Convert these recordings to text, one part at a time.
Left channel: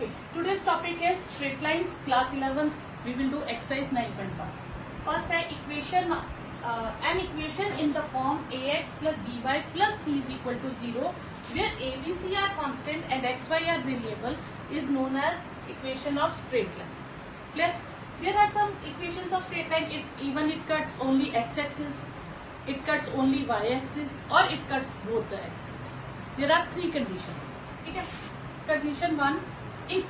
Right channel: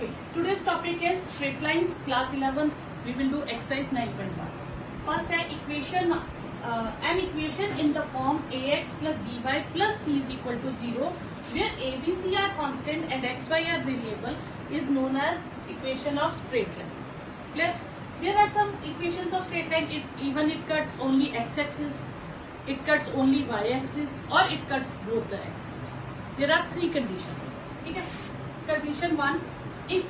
Okay, today's topic is straight lines, class 11th. We will do exercise 9.1. First equation, an equation in the form ax plus by plus c is equal to 0, where a, b, c are constant and x, y are variable, is known as equation of straight line. Clear? There are some equations of straight line. It cuts only x-axis, it cuts only y-axis, or it cuts both the axes. There are three conditions. Okay. Condition 1, if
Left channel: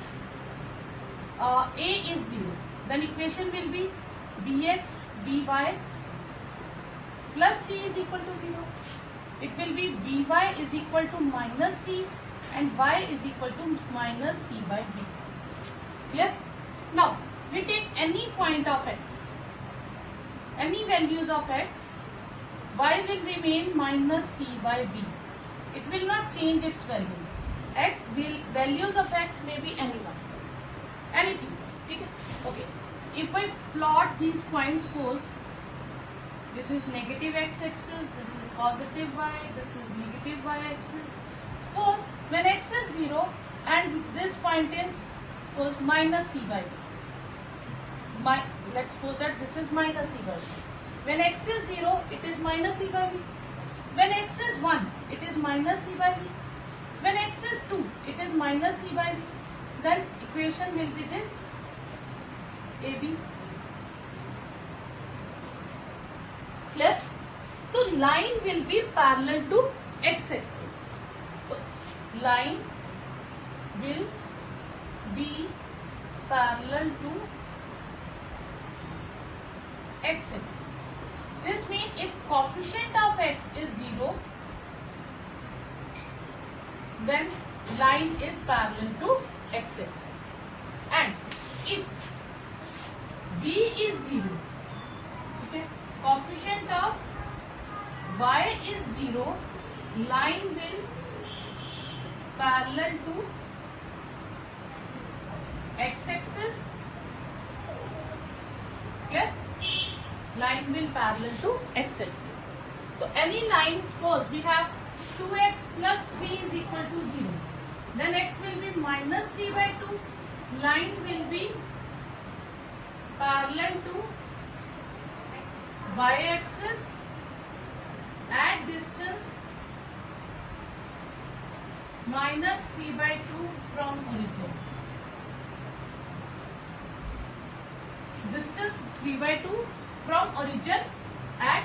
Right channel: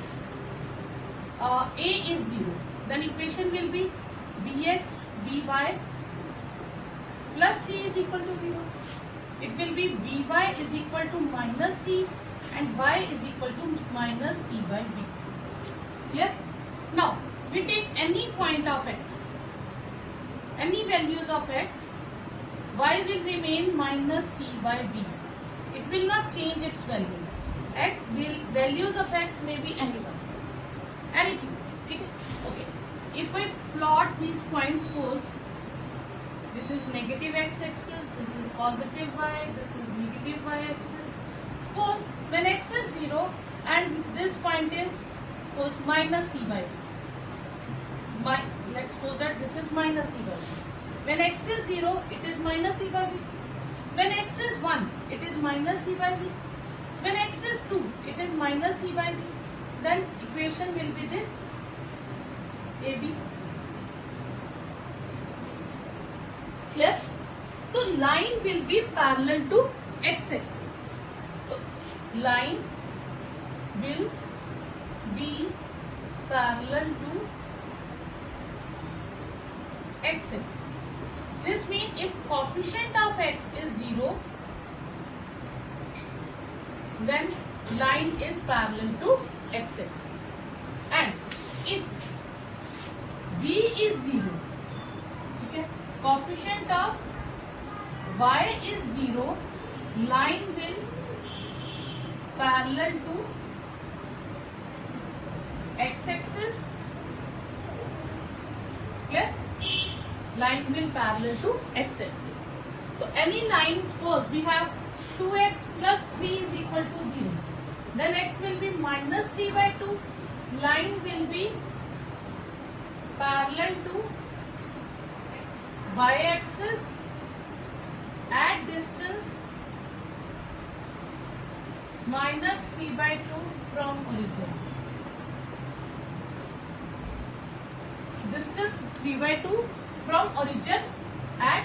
a is 0, then equation will be dx dy plus c is equal to 0. It will be by is equal to minus c and y is equal to minus c by b. Clear? Now, we take any point of x, any values of x, y will remain minus c by b. It will not change its value. At values of x may be anyone, anything. Okay. If I plot these points, suppose this is negative x-axis, this is positive y, this is negative y-axis. Suppose when x is 0 and this point is suppose minus c by b. Let's suppose that this is minus c by b. When x is 0, it is minus c by b. When x is 1, it is minus c by b. When x is 2, it is minus c by b. Then equation will be this, AB. Clear? So line will be parallel to x-axis. So line will be parallel to x-axis. This means if coefficient of x is 0, then line is parallel to x-axis. And if b is 0, okay, coefficient of y is 0, line will parallel to x-axis. Clear? Line will parallel to x-axis. So any line, suppose we have 2x plus 3 is equal to 0. Then x will be minus 3 by 2. Line will be parallel to y-axis at distance minus 3 by 2 from origin. Distance 3 by 2 from origin at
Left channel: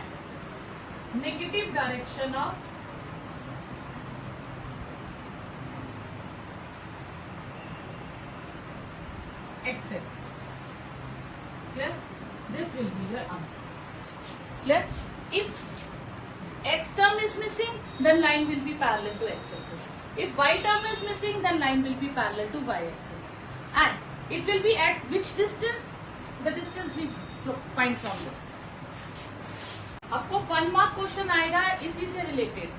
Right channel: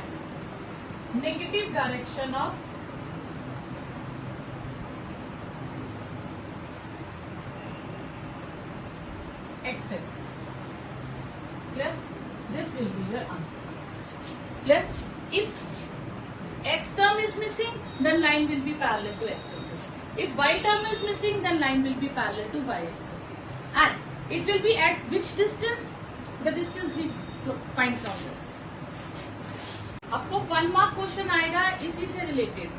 negative direction of x-axis. Clear? This will be your answer. Clear? If x term is missing, then line will be parallel to x-axis. If y term is missing, then line will be parallel to y-axis. And it will be at which distance? The distance we find from this. आपको 1 mark question आएगा इसी से related.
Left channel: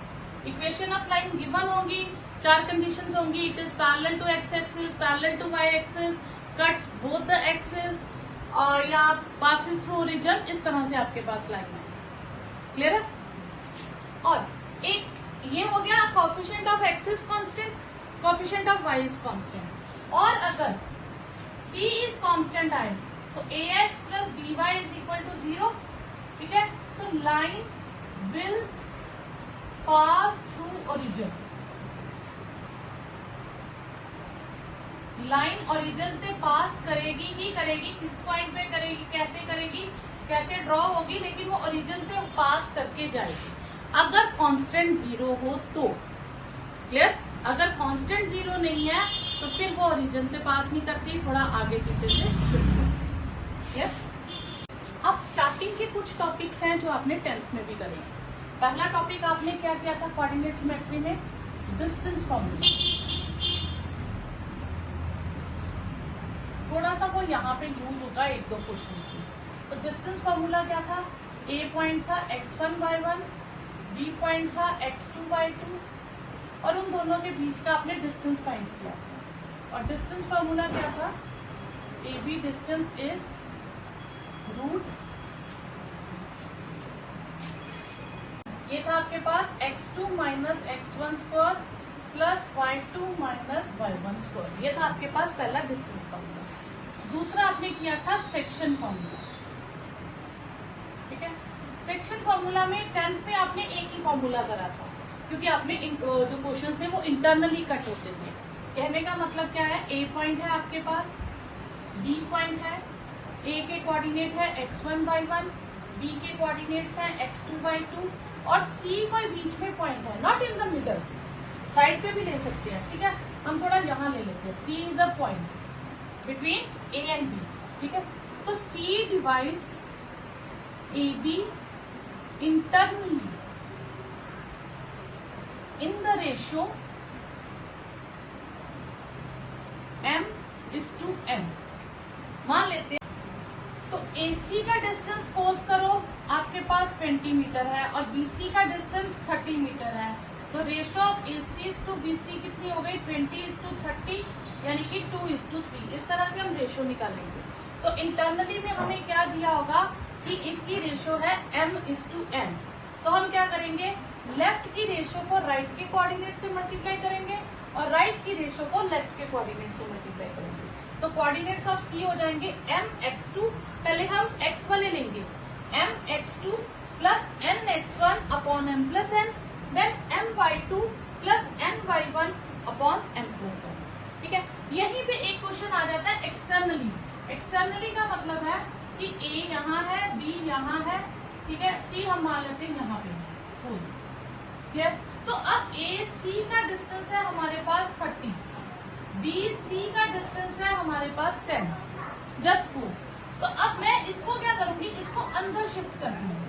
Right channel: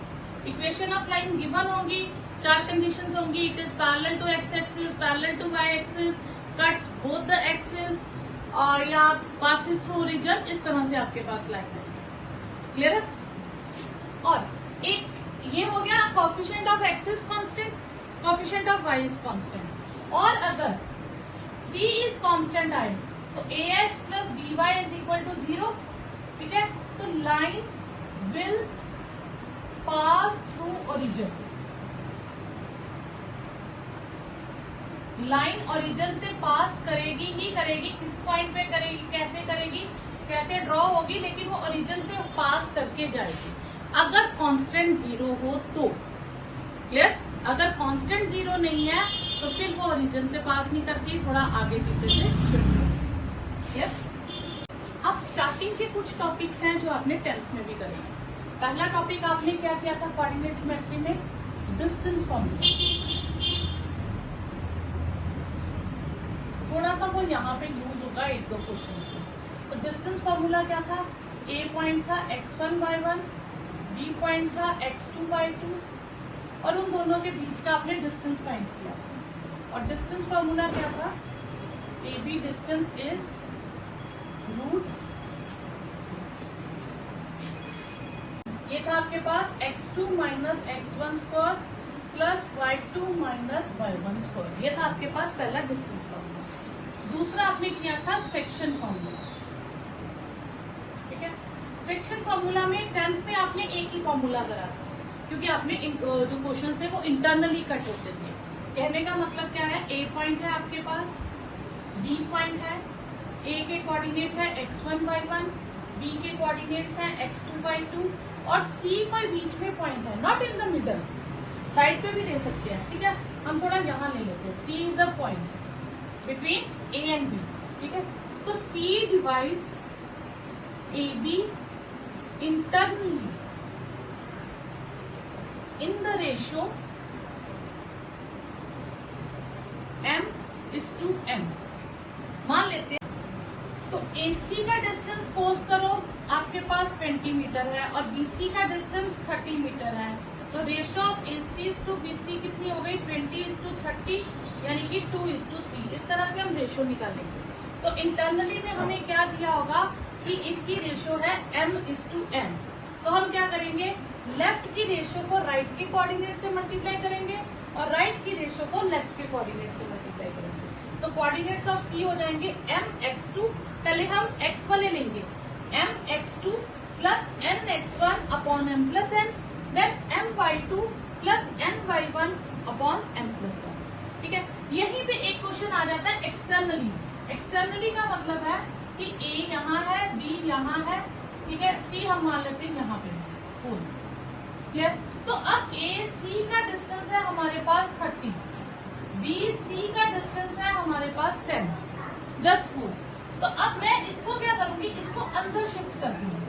Equation of line given होंगी, 4 conditions होंगी. It is parallel to X axis, parallel to Y axis, cuts both the axis, या passes through origin. इस तरह से आपके पास लगना है. क्लियर है? और एक ये हो गया coefficient of X is constant, coefficient of Y is constant. और अगर c इज कांस्टेंट आए तो ax plus by is equal to 0. ठीक है? तो line will pass through origin. Line origin से पास करेगी ही करेगी. किस पॉइंट पे करेगी, कैसे करेगी, कैसे ड्रॉ होगी, लेकिन वो ओरिजिन से पास करके जाएगी. अगर कांस्टेंट 0 हो तो. क्लियर? अगर कांस्टेंट 0 नहीं है तो फिर वो ओरिजिन से पास नहीं करती, थोड़ा आगे पीछे से छुटती है. क्लियर? अब स्टार्टिंग के कुछ टॉपिक्स हैं जो आपने 10th में भी करेंगे. पहला टॉपिक आपने क्या किया था कोऑर्डिनेट ज्योमेट्री में? Distance formula. थोड़ा सा वो यहाँ पे यूज होगा 1-2 क्वेश्चन में. तो डिस्टेंस फॉर्मूला क्या था? ए पॉइंट था x1/1, बी पॉइंट था x2/2, और उन दोनों के बीच का आपने डिस्टेंस फाइंड किया. और डिस्टेंस फॉर्मूला क्या था? A B distance is root, ये था आपके पास x2 minus x1 square plus y2 minus y1 square. ये था आपके पास पहला डिस्टेंस फॉर्मूला। दूसरा आपने किया था सेक्शन फॉर्मूला। ठीक है, सेक्शन फॉर्मूला में 10th में आपने एक ही फॉर्मूला करा था, क्योंकि आपने जो क्वेश्चन थे वो इंटरनली कट होते थे। कहने का मतलब क्या है, ए पॉइंट है आपके पास, बी पॉइंट है, ए के कोऑर्डिनेट है x1 y1, बी के कोऑर्डिनेट्स है x2 y2 और सी पर बीच में पॉइंट है, not in the middle, side पे भी ले सकते हैं। ठीक है, हम थोड़ा यहाँ ले लेते हैं, C is a point between A and B. ठीक है, तो C divides A B internally in the ratio m:n। मान लेते हैं तो AC का डिस्टेंस पोज करो, आपके पास 20 मीटर है और BC का डिस्टेंस 30 मीटर है, तो ratio of AC to BC कितनी हो गई, 20:30, यानी कि 2:3। इस तरह से हम रेशियो निकालेंगे। तो इंटरनली में हमें क्या दिया होगा कि इसकी रेशियो है m:n। तो हम क्या करेंगे, लेफ्ट की रेशियो को राइट के कोऑर्डिनेट से मल्टीप्लाई करेंगे और राइट की रेशियो को लेफ्ट के कोऑर्डिनेट से मल्टीप्लाई करेंगे। तो कोऑर्डिनेट्स ऑफ सी हो जाएंगे mx2, पहले हम x वाले लेंगे, mx2 plus nx1 upon m plus n, then my2 plus my1 upon m plus 1। ठीक है, यहीं पे एक क्वेश्चन आ जाता है एक्सटर्नली। एक्सटर्नली का मतलब है कि A यहाँ है, B यहाँ है, ठीक है, C हम मान लेते हैं यहाँ पे, सपोज। क्लियर? तो अब AC का डिस्टेंस है हमारे पास 30, BC का डिस्टेंस है हमारे पास 10, जस्ट सपोज। तो अब मैं इसको क्या करूंगी, इसको अंदर शिफ्ट कर दूंगी।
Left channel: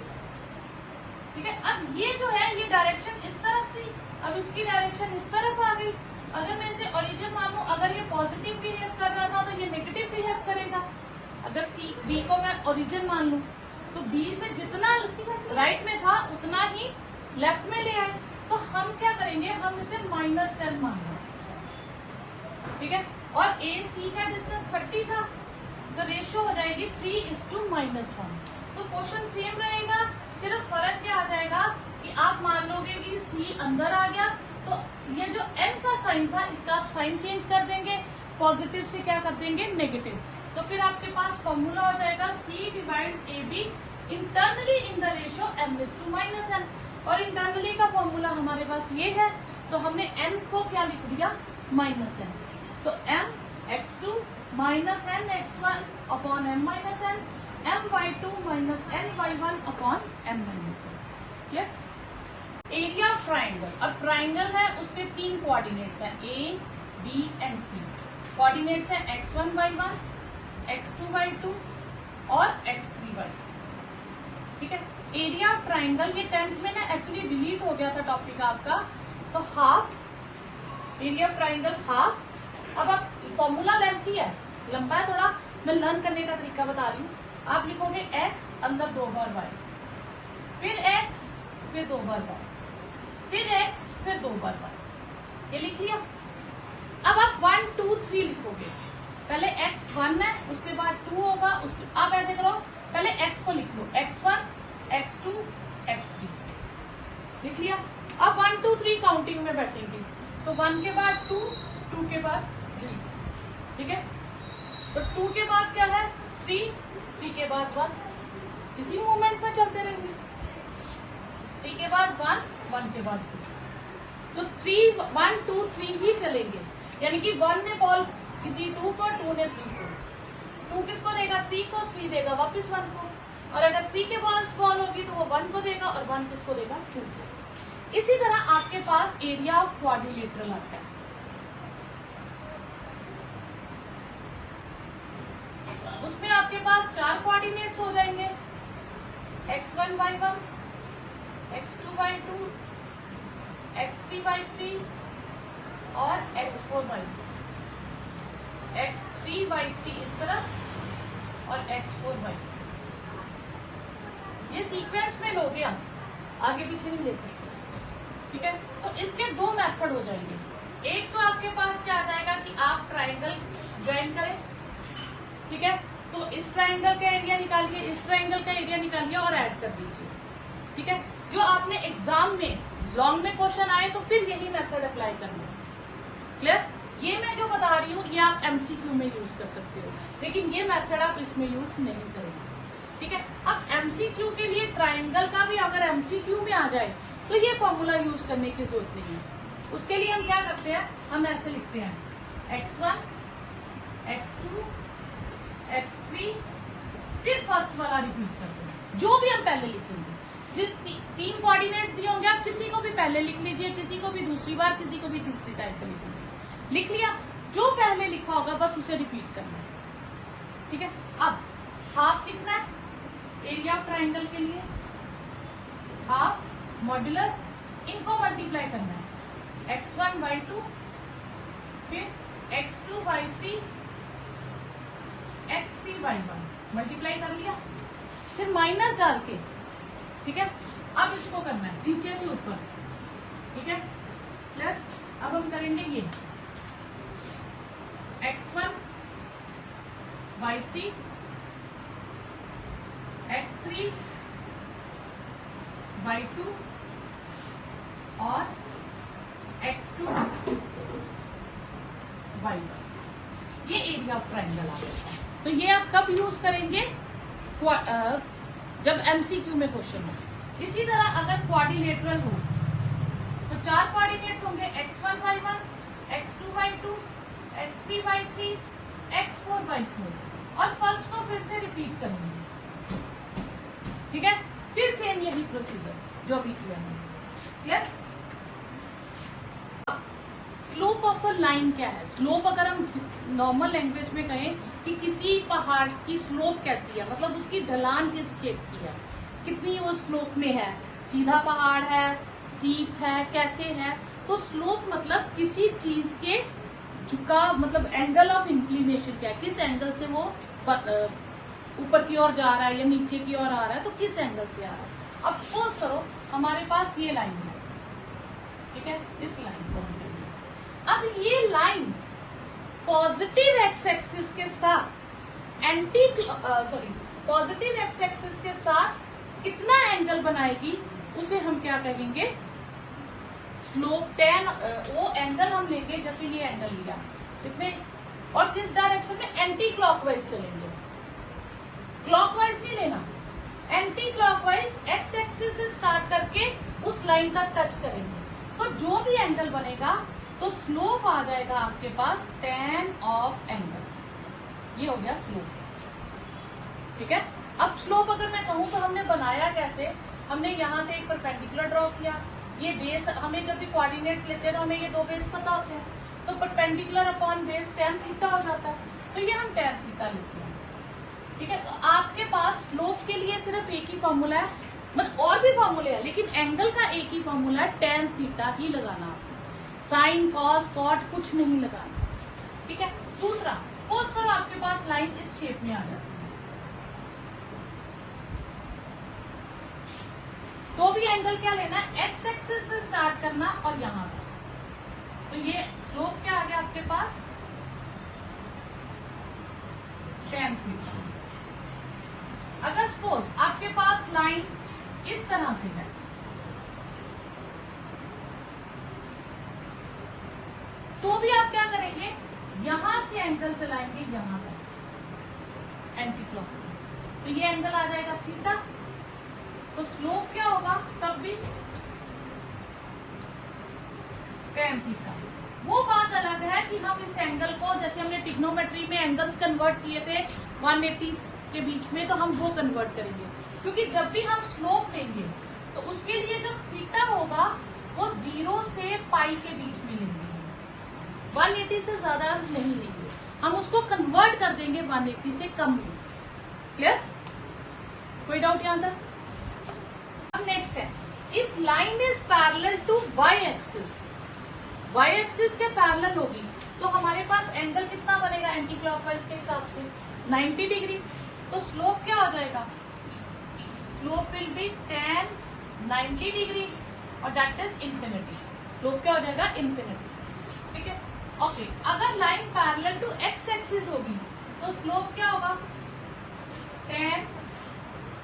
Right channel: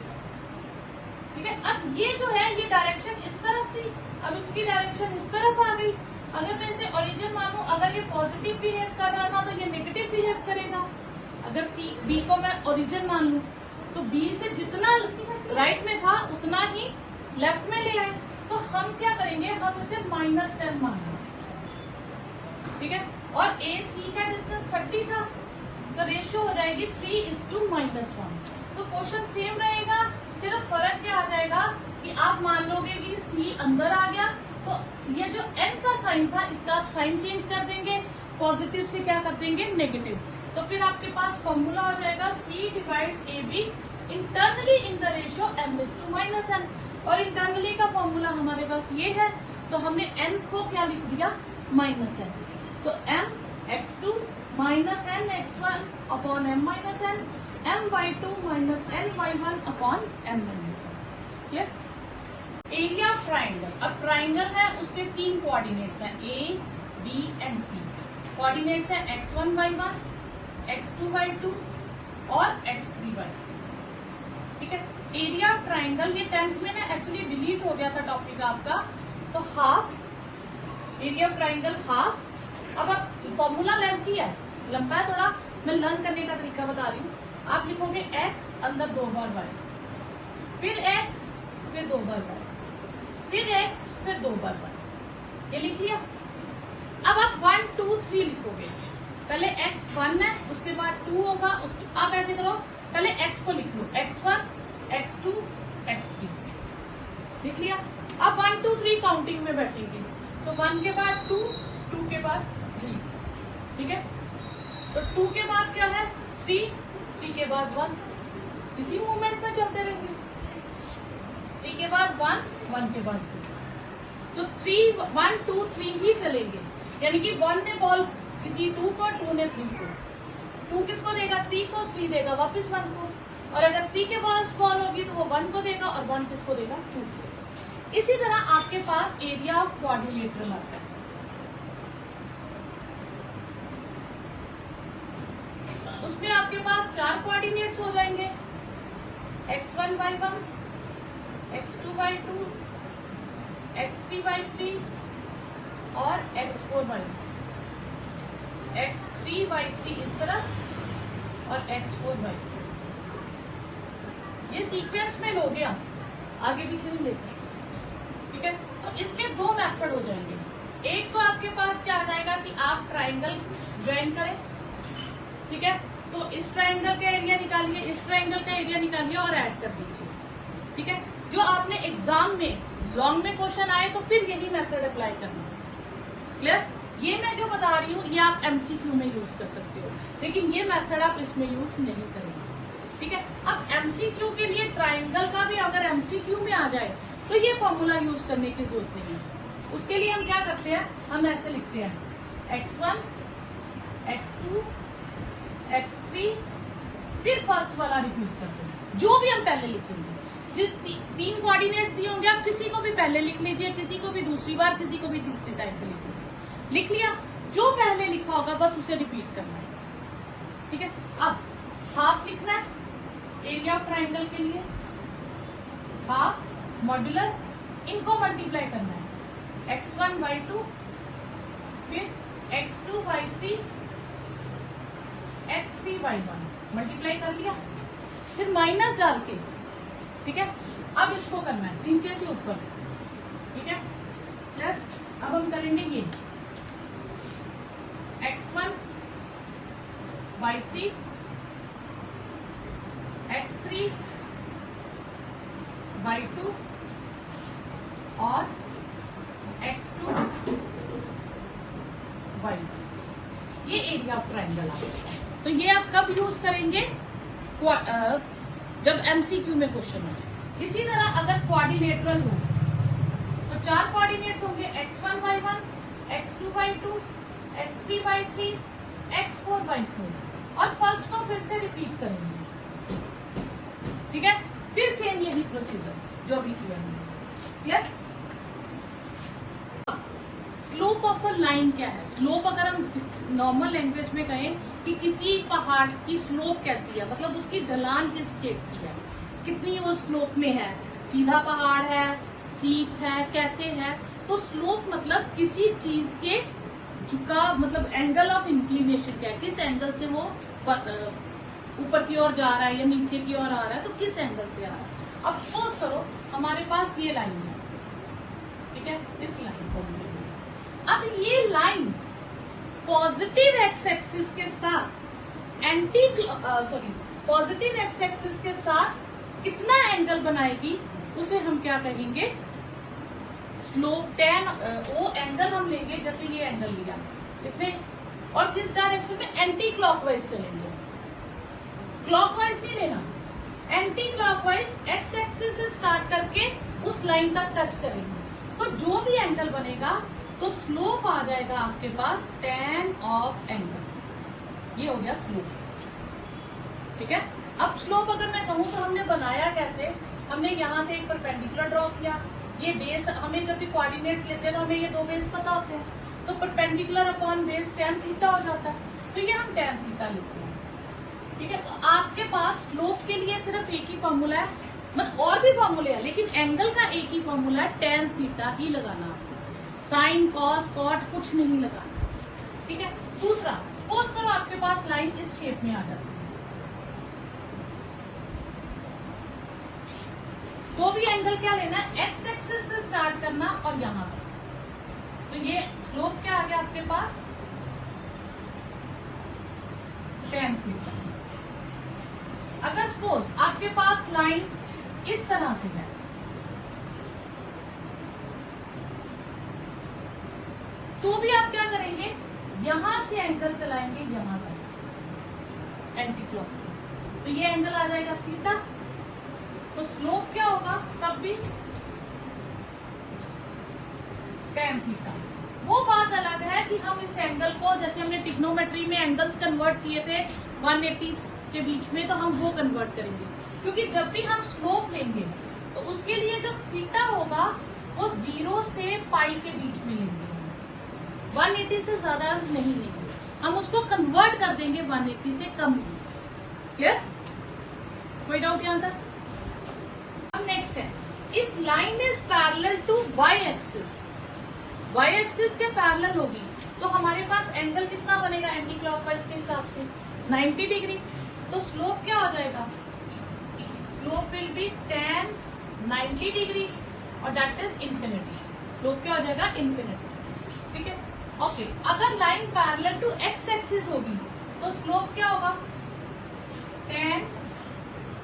ठीक है, अब ये जो है ये डायरेक्शन इस तरफ थी, अब इसकी डायरेक्शन इस तरफ आ गई। अगर मैं इसे ओरिजिन मानूं, अगर ये पॉजिटिव बिहेव कर रहा था तो ये नेगेटिव बिहेव करेगा। अगर बी को मैं ओरिजिन मान लूं तो बी से जितना राइट में था उतना ही लेफ्ट में ले आए। तो हम क्या करेंगे, हम इसे -10 मान लें। ठीक है, और ए सी का डिस्टेंस 30 था, तो रेशियो हो जाएगी 3:-1। तो क्वेश्चन सेम रहेगा, सिर्फ फर्क क्या आ जाएगा कि आप मान लोगे कि सी अंदर आ गया, तो ये जो एन का साइन था इसका आप साइन चेंज कर देंगे, पॉजिटिव से क्या कर देंगे, नेगेटिव। तो फिर आपके पास फॉर्मूला हो जाएगा C divides AB internally in the ratio m:-n। और इंटरनली का फॉर्मूला हमारे पास ये है, तो हमने n को क्या लिख दिया, -n। तो mx2 minus nx1 upon m-n, my2 minus my1 upon m-n। Clear? Area of triangle, अब ट्राइंगल है उसके 3 कोऑर्डिनेट्स हैं, A, B and C। Coordinates है x1 y1, x2 y2 और x3 y2। ठीक है, एरिया ऑफ ट्राइंगल ये 10th में ना एक्चुअली डिलीट हो गया था टॉपिक आपका, तो half area of triangle half. अब आप फॉर्मूला लेंथी है, लंबा है थोड़ा, मैं लर्न करने का तरीका बता रही हूँ। आप लिखोगे x अंदर 2 बार y, फिर x फिर 2 बार y, फिर x फिर 2 बार y, ये लिख लिया। अब आप 1 2 3 लिखोगे, पहले x 1 है, उसके बाद 2 होगा, आप ऐसे करो, पहले x को लिख लो, x1 x2 x3, लिख लिया। अब 1 2 3 काउंटिंग में बैठेंगे, तो 1 के बाद 2, 2 के बाद 3। ठीक है, तो 2 के बाद क्या है 3, 3 के बाद 1, इसी मूवमेंट में चलते रहेंगे। 3 के बाद 1, 1 के बाद 2, तो 3 1 2 3 ही चलेंगे, यानी कि 1 ने बॉल दी 2 को, 2 ने 3 को। 2 किसको देगा, 3 को, 3 देगा वापस 1 को, और अगर 3 के बाद बॉल होगी तो वो 1 को देगा और 1 किसको देगा, 2 को। इसी तरह आपके पास एरिया ऑफ क्वाड्रिलेटरल आता है। उसमें आपके पास 4 कोऑर्डिनेट्स हो जाएंगे, x1 y1, x2 y2, x3 y3 और x4 y4। x3 y3 इस तरफ और x4 y4। ये सीक्वेंस में लोगे आप, आगे पीछे नहीं ले सकते। ठीक है, तो इसके 2 मेथड हो जाएंगे। एक तो आपके पास क्या आ जाएगा कि आप ट्राइंगल ज्वाइन करें। ठीक है, तो इस ट्राइंगल का एरिया निकालिए, इस ट्राइंगल का एरिया निकालिए और ऐड कर दीजिए। ठीक है, जो आपने एग्जाम में लॉन्ग में क्वेश्चन आए तो फिर यही मेथड अप्लाई करना है। क्लियर? ये मैं जो बता रही हूँ ये आप एमसीक्यू में यूज कर सकते हो, लेकिन ये मेथड आप इसमें यूज नहीं करेंगे। ठीक है, अब एमसीक्यू के लिए ट्राइंगल का भी अगर एमसीक्यू में आ जाए तो ये फॉर्मूला यूज करने की जरूरत नहीं है। उसके लिए हम क्या करते हैं, हम ऐसे लिखते हैं x1 x2 x3, फिर फर्स्ट वाला रिपीट करते हैं जो भी हम पहले लिखेंगे। जिस तीन कोऑर्डिनेट्स दिए होंगे आप किसी को भी पहले लिख लीजिए, किसी को भी दूसरी बार, किसी को भी तीसरी टाइप पे लिख लीजिए। लिख लिया, जो पहले लिखा होगा बस उसे रिपीट करना है। ठीक है, अब हाफ कितना है एरिया ऑफ ट्राइंगल के लिए, हाफ मॉड्यूलस, इनको मल्टीप्लाई करना है x1 by 2, फिर x2 by 3, x3 by 1, multiply कर लिया, फिर माइनस डाल के। ठीक है, अब इसको करना है नीचे से ऊपर। ठीक है, प्लस अब हम करेंगे ये x1 by 3, x3 by 2 और x2 by 1। ये एरिया ऑफ ट्राइंगल आ गया। तो ये आप कब यूज करेंगे, जब एमसीक्यू में क्वेश्चन हो। इसी तरह अगर क्वाड्रिलेटरल हो तो 4 कोऑर्डिनेट्स होंगे x1 by 1, x2 by 2, x3 by 3, x4 by 4, और फर्स्ट को फिर से रिपीट करेंगे। ठीक है, फिर सेम यही प्रोसीजर जो अभी किया है। Clear? Slope of a line क्या है? स्लोप अगर हम नॉर्मल लैंग्वेज में कहें कि किसी पहाड़ की स्लोप कैसी है, मतलब उसकी ढलान किस शेप की है, कितनी वो स्लोप में है, सीधा पहाड़ है, स्टीप है, कैसे है। तो स्लोप मतलब किसी चीज के झुका, मतलब एंगल ऑफ इंक्लिनेशन क्या है, किस एंगल से वो ऊपर की ओर जा रहा है या नीचे की ओर आ रहा है, तो किस एंगल से आ रहा है। अब सपोज करो हमारे पास ये लाइन है, ठीक है, इस लाइन को अब ये लाइन पॉजिटिव एक्स एक्सिस के साथ पॉजिटिव एक्स एक्सिस के साथ कितना एंगल बनाएगी उसे हम क्या कहेंगे, स्लोप। टेन वो एंगल हम लेंगे, जैसे ये एंगल लिया इसमें, और किस डायरेक्शन में, एंटी क्लॉकवाइज चलेंगे, क्लॉकवाइज नहीं लेना, एंटी क्लॉकवाइज एक्स एक्सिस से स्टार्ट करके उस लाइन का टच करेंगे। तो जो भी एंगल बनेगा तो स्लोप आ जाएगा आपके पास tan ऑफ एंगल। ये हो गया स्लोप। ठीक है, अब स्लोप अगर मैं कहूँ तो हमने बनाया कैसे, हमने यहाँ से एक परपेंडिकुलर ड्रॉ किया, ये बेस, हमें जब भी कोऑर्डिनेट्स लेते हैं तो हमें ये दो बेस पता होते हैं, तो perpendicular upon base tan theta हो जाता है, तो ये हम tan थीटा लिखते हैं। ठीक है, तो आपके पास स्लोप के लिए सिर्फ एक ही फॉर्मूला है, मतलब और भी फॉर्मूले हैं लेकिन एंगल का एक ही फॉर्मूला है, tan थीटा ही लगाना, साइन कॉस कॉट कुछ नहीं लगाना। ठीक है, दूसरा सपोज करो आपके पास लाइन इस शेप में आ जाती है, तो भी एंगल क्या लेना, एक्स एक्सिस से स्टार्ट करना और यहां पर। तो ये स्लोप क्या आ गया आपके पास, tan थीटा। अगर सपोज आपके पास लाइन इस तरह से है, तो भी आप क्या करेंगे, यहां से एंगल चलाएंगे यहां तक एंटी क्लॉकवाइज, तो ये एंगल आ जाएगा थीटा। तो स्लोप क्या होगा तब भी tan थीटा। वो बात अलग है कि हम इस एंगल को, जैसे हमने ट्रिग्नोमेट्री में एंगल्स कन्वर्ट किए थे 180 के बीच में, तो हम वो कन्वर्ट करेंगे, क्योंकि जब भी हम स्लोप लेंगे तो उसके लिए जो थीटा होगा वो 0 से पाई के बीच में लेंगे, 180 से ज्यादा नहीं लेंगे, हम उसको कन्वर्ट कर देंगे 180 से कम में। क्लियर? कोई डाउट यहाँ तक? अब नेक्स्ट है, if line is parallel to y axis के पैरेलल होगी तो हमारे पास एंगल कितना बनेगा एंटी क्लॉकवाइज के हिसाब से, 90 डिग्री। तो स्लोप क्या हो जाएगा, slope will be tan 90 degree और दैट इज इंफिनिटी। स्लोप क्या हो जाएगा, इंफिनिटी। ठीक है, ओके। अगर line parallel to X axis होगी तो स्लोप क्या होगा, tan।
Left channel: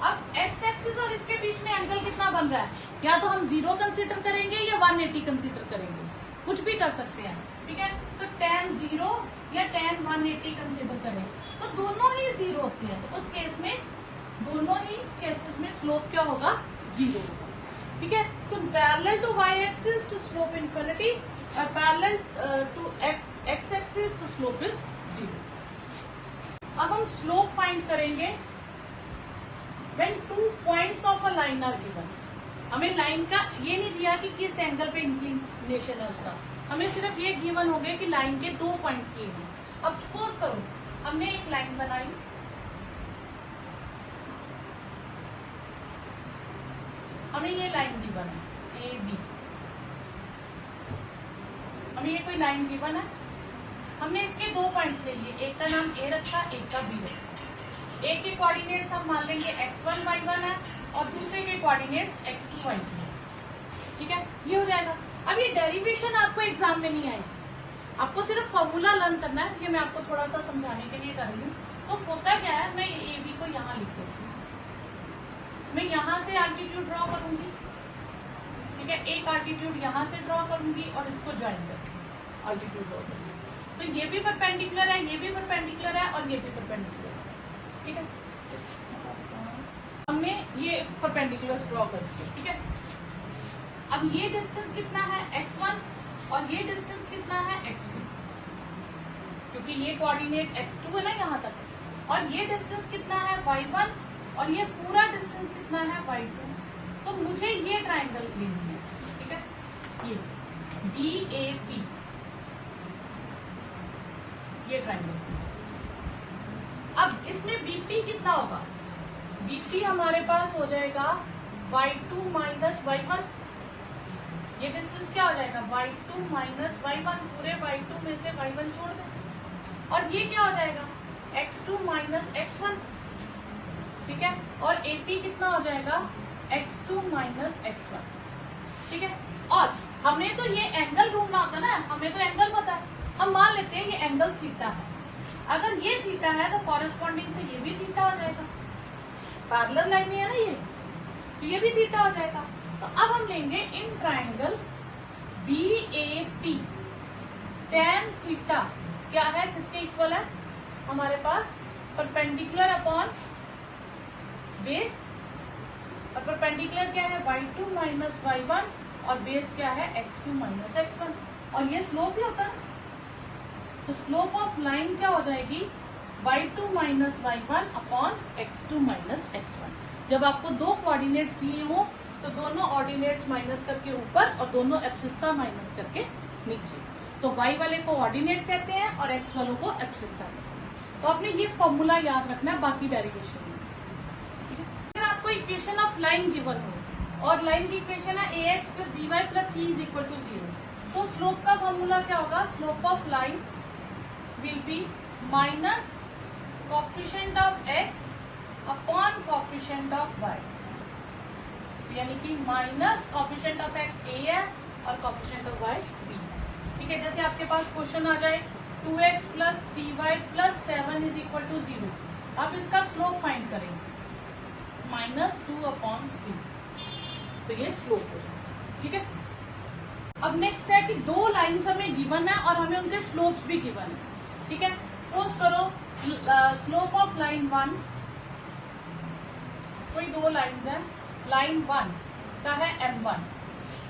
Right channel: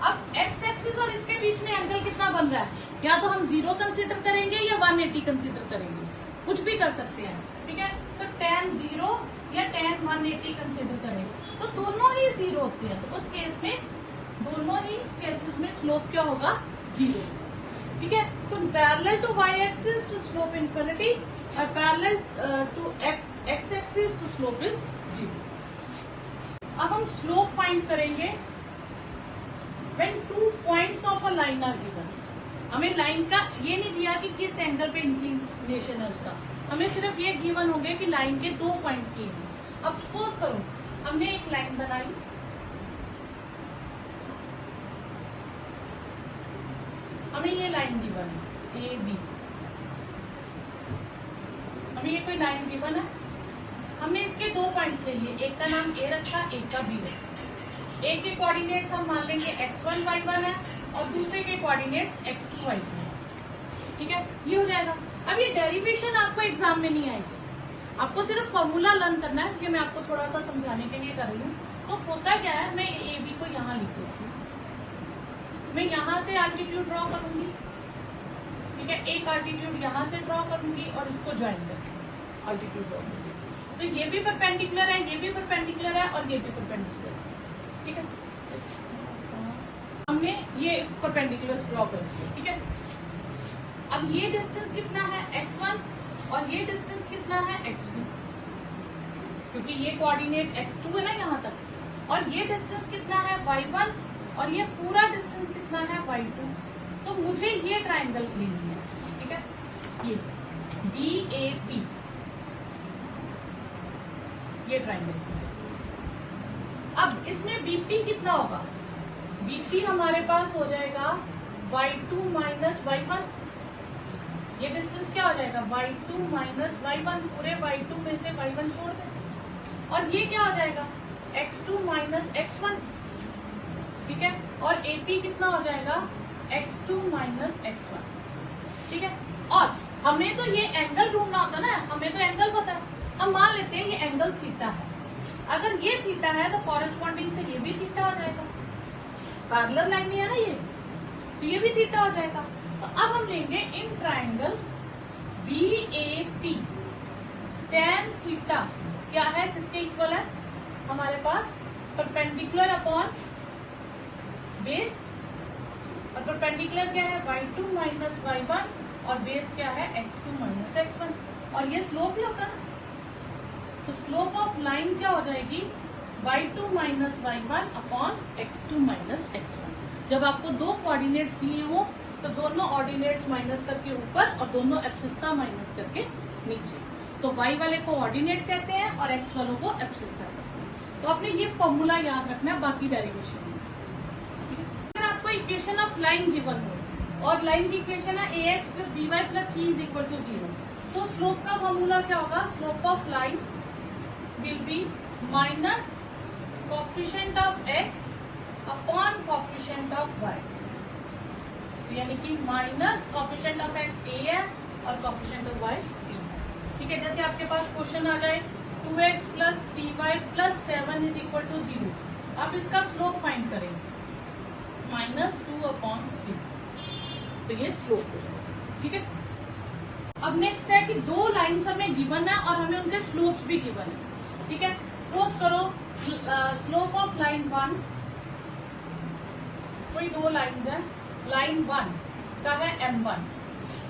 अब एक्स एक्सिस और इसके बीच में एंगल कितना बन रहा है, या तो हम 0 कंसीडर करेंगे या 180 कंसीडर करेंगे, कुछ भी कर सकते हैं। ठीक है, tan 0 या tan 180 कंसिडर करें तो दोनों ही 0 होते हैं, तो उस केस में दोनों ही केसेस में स्लोप क्या होगा, 0। ठीक है, तो parallel to y axis to slope infinity और parallel to x axis to slope is 0। अब हम स्लोप फाइंड करेंगे when 2 points of a line are given. हमें लाइन का ये नहीं दिया कि किस एंगल पे इंक्लिनेशन है उसका, हमें सिर्फ ये गिवन हो गया कि लाइन के 2 पॉइंट्स लिए हैं। अब सपोज करो हमने एक लाइन बनाई, हमें ये लाइन गिवन है, ए बी, हमें ये कोई लाइन गिवन है, हमने इसके 2 पॉइंट्स ले लिए, एक का नाम ए रखा, एक का बी रखा। एक के कोऑर्डिनेट्स हम मान लेंगे x1 y1 है और दूसरे के कोऑर्डिनेट्स x2 y2 है। ठीक है, ये हो जाएगा। अब ये डेरिवेशन आपको एग्जाम में नहीं आएगी, आपको सिर्फ फॉर्मूला लर्न करना है, जो मैं आपको थोड़ा सा समझाने के लिए कर रही हूँ। तो होता क्या है, मैं ए बी को यहाँ लिख देती हूँ, मैं यहाँ से आल्टीट्यूड ड्रॉ करूंगी। ठीक है, एक आल्टीट्यूड यहाँ से ड्रॉ करूंगी और इसको ज्वाइन करूंगी, आल्टीट्यूड ड्रॉ करूंगी। तो ये भी परपेंडिकुलर है, ये भी परपेंडिकुलर है और ये भी परपेंडिकुलर है। ठीक है, हमने ये परपेंडिकुलर ड्रॉ कर दिया। ठीक है, अब ये डिस्टेंस कितना है, x1 और ये डिस्टेंस कितना है, x2, क्योंकि ये कोऑर्डिनेट x2 है ना यहाँ तक, और ये डिस्टेंस कितना है, y1, और ये पूरा डिस्टेंस कितना है, y2। तो मुझे ये ट्राइंगल लेनी है। ठीक है, ये BAP, ये ट्राइंगल। अब इसमें BP कितना होगा, BP हमारे पास हो जाएगा y2 माइनस y1। ये डिस्टेंस क्या हो जाएगा, y2 माइनस y1, पूरे y2 में से y1 छोड़ दो, और ये क्या हो जाएगा, x2 माइनस x1। ठीक है, और AP कितना हो जाएगा, x2 माइनस x1। ठीक है, और हमें तो ये एंगल ढूंढना होता ना, हमें तो एंगल पता है, हम मान लेते हैं ये एंगल थीटा है। अगर ये थीटा है तो कॉरेस्पॉन्डिंग से ये भी थीटा हो जाएगा, पैरेलल लाइन है ना ये, तो ये भी थीटा हो जाएगा। तो अब हम लेंगे in triangle BAP, tan theta क्या है, किसके इक्वल है, हमारे पास परपेंडिकुलर अपॉन बेस, और परपेंडिकुलर क्या है, y2 माइनस y1, और बेस क्या है, x2 माइनस x1, और ये स्लोप ही होता है। तो स्लोप ऑफ लाइन क्या हो जाएगी, y2 minus y1 upon x2 minus x1। जब आपको 2 कोऑर्डिनेट्स दिए हो तो दोनों ऑर्डिनेट्स माइनस करके ऊपर और दोनों एब्सिस्सा माइनस करके नीचे, तो y वाले को ऑर्डिनेट कहते हैं और x वालों को एब्सिस्सा। तो आपने ये फॉर्मूला याद रखना है बाकी डेरिवेशन में। ठीक है, अगर आपको इक्वेशन ऑफ लाइन गिवन हो और लाइन की इक्वेशन है ax plus by plus c is equal to 0, तो स्लोप का फॉर्मूला क्या होगा, slope of line will be minus coefficient of x upon coefficient of y, यानी कि minus coefficient of x a है और coefficient of y b। ठीक है, जैसे आपके पास क्वेश्चन आ जाए 2x plus 3y plus 7 is equal to 0, आप इसका स्लोप फाइंड करेंगे -2/3, तो ये स्लोप हो जाएगा। ठीक है, अब नेक्स्ट है कि 2 लाइन्स हमें गिवन है और हमें उनके स्लोप्स भी गिवन है। ठीक है, सपोज करो स्लोप ऑफ लाइन 1, कोई 2 लाइन्स है, लाइन 1 का है m1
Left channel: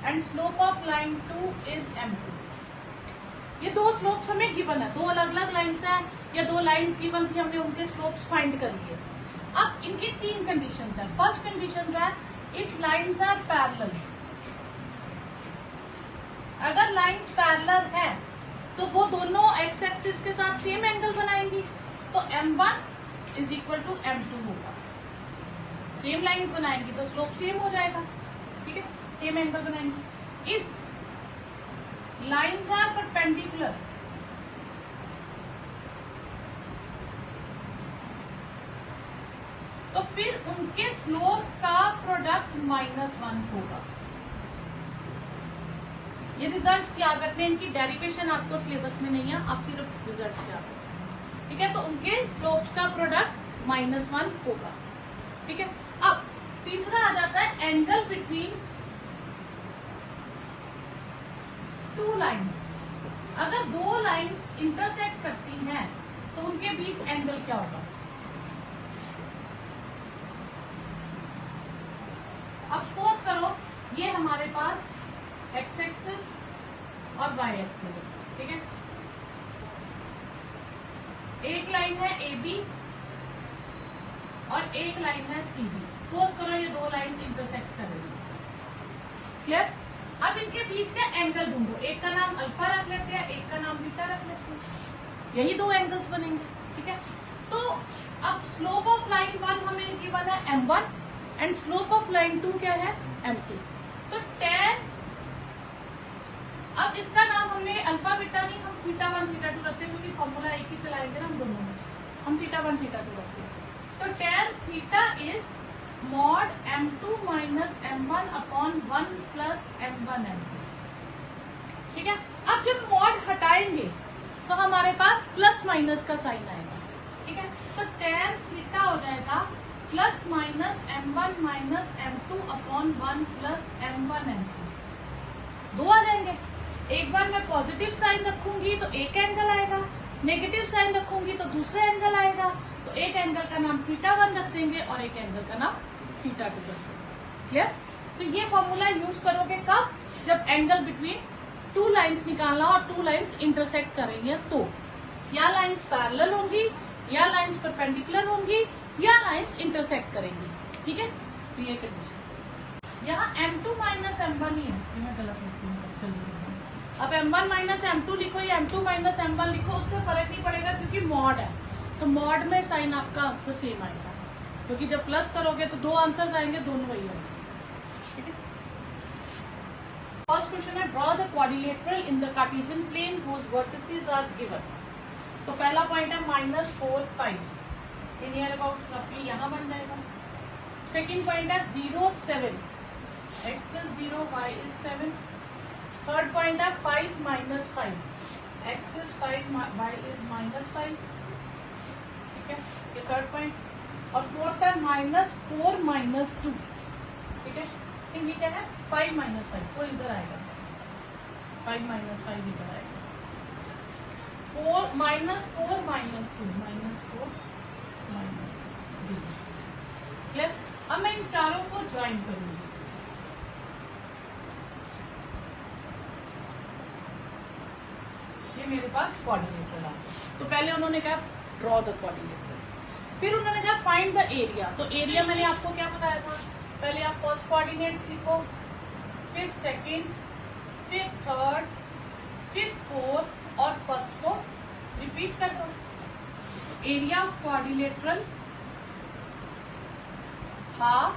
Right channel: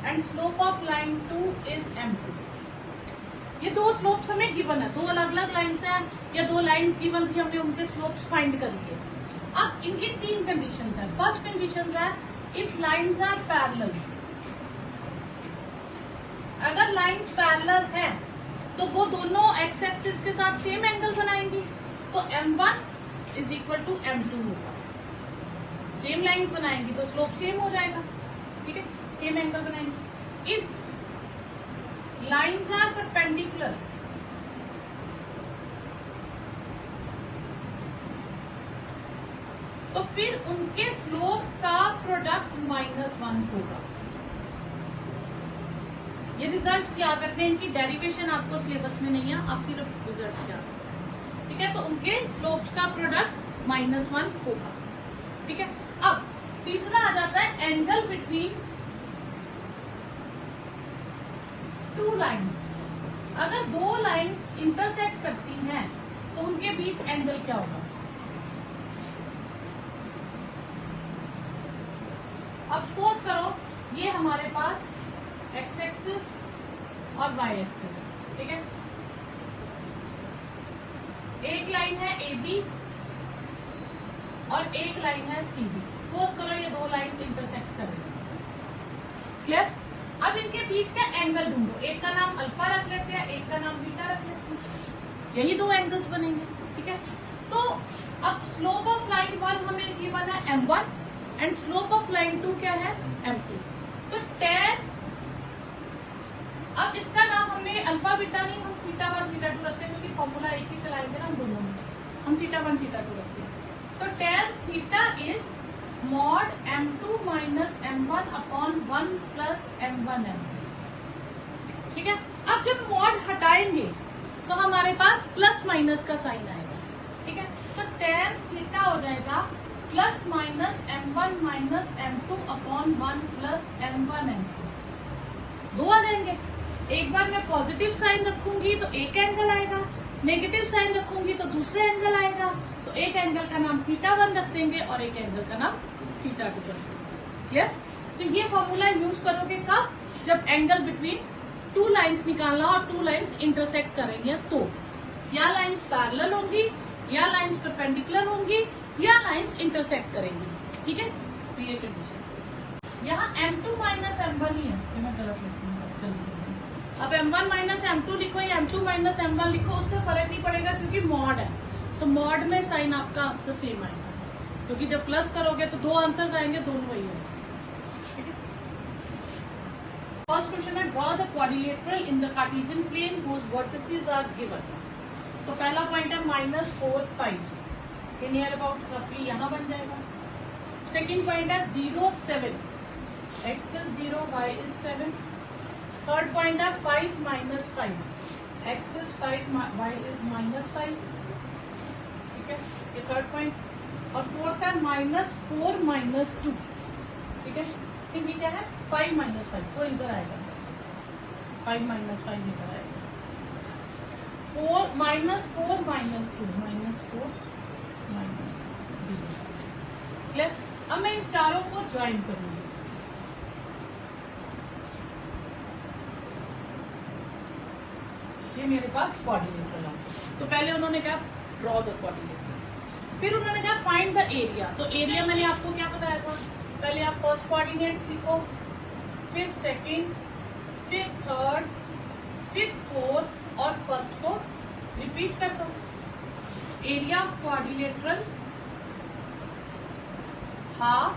and slope of line 2 is m2। ये 2 स्लोप्स हमें गिवन है, 2 अलग अलग लाइन्स हैं या 2 लाइन्स गिवन थी, हमने उनके स्लोप्स फाइंड कर लिए। अब इनकी 3 कंडीशंस हैं। फर्स्ट कंडीशन है इफ लाइन्स आर पैरेलल, अगर लाइन्स पैरेलल है तो वो दोनों एक्स एक्सिस के साथ सेम एंगल बनाएंगी, तो m1 is equal to m2 होगा। सेम लाइन्स बनाएंगी तो स्लोप सेम हो जाएगा। ठीक है, सेम एंगल बनाएंगे। इफ लाइन्स आर परपेंडिकुलर, तो फिर उनके स्लोप का प्रोडक्ट -1 होगा। ये रिजल्ट्स याद रखते हैं, इनकी डेरिवेशन आपको सिलेबस में नहीं है, आप सिर्फ रिजल्ट्स याद रखें। ठीक है, तो उनके स्लोप्स का प्रोडक्ट -1 होगा। ठीक है, अब तीसरा आ जाता है एंगल बिटवीन 2 लाइन्स। अगर दो लाइंस इंटरसेक्ट करती हैं तो उनके बीच एंगल क्या होगा? अब सपोज करो ये हमारे पास एक्स एक्सिस और वाई एक्सिस है, ठीक है। एक लाइन है ए बी और एक लाइन है सी बी। सपोज करो ये दो लाइंस इंटरसेक्ट करेंगे, क्लियर। अब इनके बीच का एंगल ढूंढो, एक का नाम अल्फा रख लेते हैं, एक का नाम बीटा रख लेते हैं, यही दो एंगल्स बनेंगे, ठीक है। तो अब स्लोप ऑफ लाइन 1 हमें गिवन है m1 and slope of line 2 क्या है? m2। तो tan, अब इसका नाम हमने अल्फा बीटा नहीं, हम थीटा 1 थीटा 2 रखते हैं क्योंकि फॉर्मूला एक ही चलाएंगे ना हम दोनों में, हम थीटा 1 थीटा 2 रखते हैं। तो tan theta is mod m2 minus m1 upon 1 plus m1 m2, ठीक है। अब जब मॉड हटाएंगे तो हमारे पास प्लस माइनस का साइन आएगा, ठीक है। तो tan थीटा हो जाएगा plus minus m1 minus m2 upon 1 plus m1 m2, दो आ जाएंगे। एक बार मैं पॉजिटिव साइन रखूंगी तो एक एंगल आएगा, नेगेटिव साइन रखूंगी तो दूसरा एंगल आएगा। तो एक एंगल का नाम थीटा 1 रख देंगे और एक एंगल का नाम थीटा 2 रख देंगे, क्लियर। तो ये फॉर्मूला यूज करोगे कब? जब एंगल बिटवीन टू लाइंस निकालना और टू लाइंस इंटरसेक्ट करेंगे तो या लाइंस पैरेलल होंगी या लाइंस परपेंडिकुलर होंगी या लाइंस इंटरसेक्ट करेंगी, ठीक है। तो ये कंडीशन, यहाँ m2 माइनस m1 ही है, ये मैं गलत लिखती हूँ। अब m1 माइनस m2 लिखो या m2 माइनस m1 लिखो, उससे फर्क नहीं पड़ेगा क्योंकि मॉड है, तो मॉड में साइन आपका आंसर सेम आएगा, क्योंकि जब प्लस करोगे तो दो आंसर्स आएंगे, दोनों वही होंगे, ठीक है। फर्स्ट क्वेश्चन है draw the quadrilateral in the Cartesian plane whose vertices are given. तो पहला पॉइंट है -4 5, नियर अबाउट रफली यहाँ बन जाएगा। सेकेंड पॉइंट है 0 7, x is 0 y is 7। Third point है 5 minus 5, x is 5 y is -5, ठीक है, ये थर्ड पॉइंट। और फोर्थ है -4 -2, ठीक है। फिर ये क्या है 5 minus 5, वो इधर आएगा, 5 minus 5 इधर आएगा। 4 -4 -2 -4 -2, क्लियर। अब मैं इन चारों को ज्वाइन करूंगी, ये मेरे पास क्वाड्रिलेटरल आ। तो पहले उन्होंने क्या ड्रॉ द क्वाड्रिलेटरल, फिर उन्होंने कहा फाइंड द एरिया। तो एरिया मैंने आपको क्या बताया था, पहले आप फर्स्ट कोऑर्डिनेट्स लिखो, फिर सेकंड, फिर थर्ड, फिर फोर्थ और फर्स्ट को रिपीट कर दो। Area of quadrilateral half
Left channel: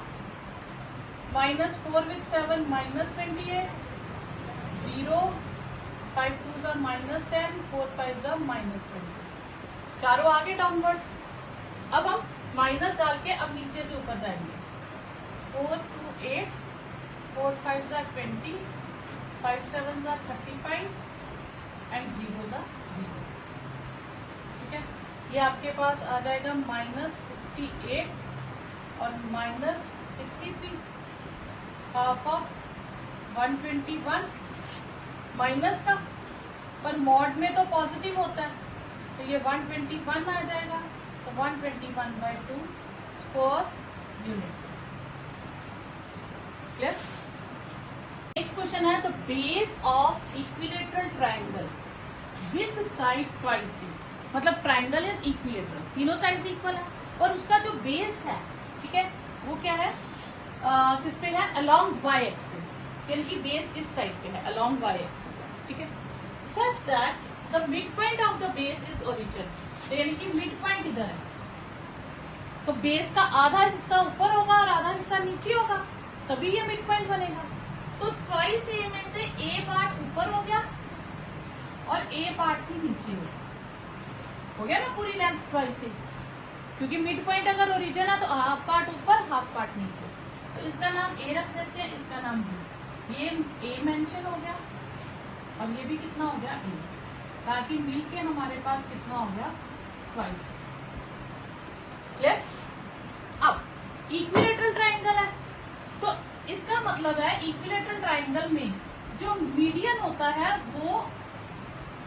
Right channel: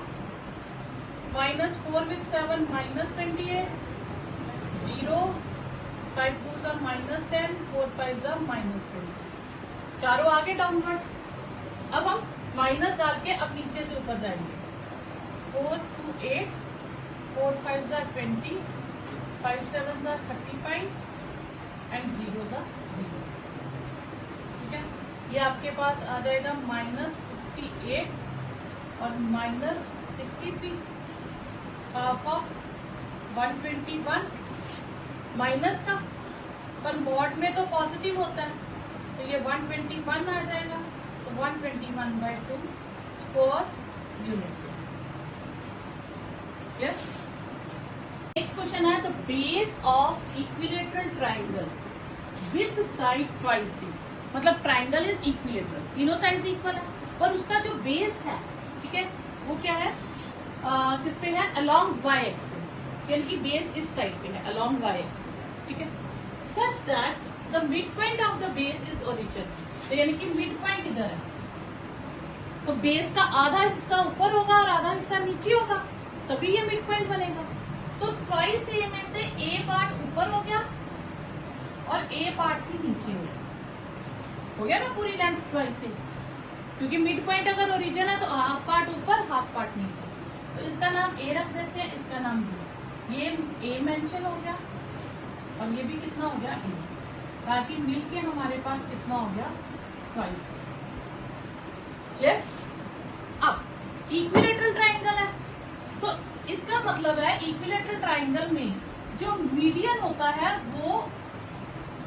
-4 with 7 -28, 0 5 2s are -10, 4 5s are -20, चारों आगे डाउनवर्ड। अब हम माइनस डाल के अब नीचे से ऊपर जाएंगे। 4 2 8, 4 5s are 20, 5 7s are 35 and 0s are 0, ठीक है। ये आपके पास आ जाएगा -58 और -63, हाफ ऑफ 121 माइनस का, पर मॉड में तो पॉजिटिव होता है, तो ये 121 आ जाएगा। तो 121/2 square units, clear. Next question है the base of equilateral triangle with side twice, मतलब ट्राइंगल इज इक्विलेटरल, तीनों साइड्स इक्वल है, और उसका जो बेस है, ठीक है, वो क्या है, किस पे है, अलोंग वाई एक्सिस, यानी कि बेस इस साइड पे है, अलोंग वाई एक्सिस है, ठीक है। Such that the mid point of the base is origin, यानी कि मिड पॉइंट इधर है, तो बेस का आधा हिस्सा ऊपर होगा और आधा हिस्सा नीचे होगा, तभी ये मिड पॉइंट बनेगा। तो ट्वाइस ए में से ए पार्ट ऊपर हो गया और ए पार्ट भी नीचे हो गया ना, पूरी लेंथ ट्वाइस ए, क्योंकि मिड पॉइंट अगर ओरिजिन है तो हाफ पार्ट ऊपर हाफ पार्ट नीचे, तो इसका नाम ए रख देते हैं, इसका नाम बी। ये ए मेंशन हो गया और ये भी कितना हो गया ए, ताकि मिलके हमारे पास कितना हो गया ट्वाइस, क्लियर। अब इक्विलेटरल ट्राइंगल है, तो इसका मतलब है इक्विलेटरल ट्राइंगल में जो मीडियन होता है वो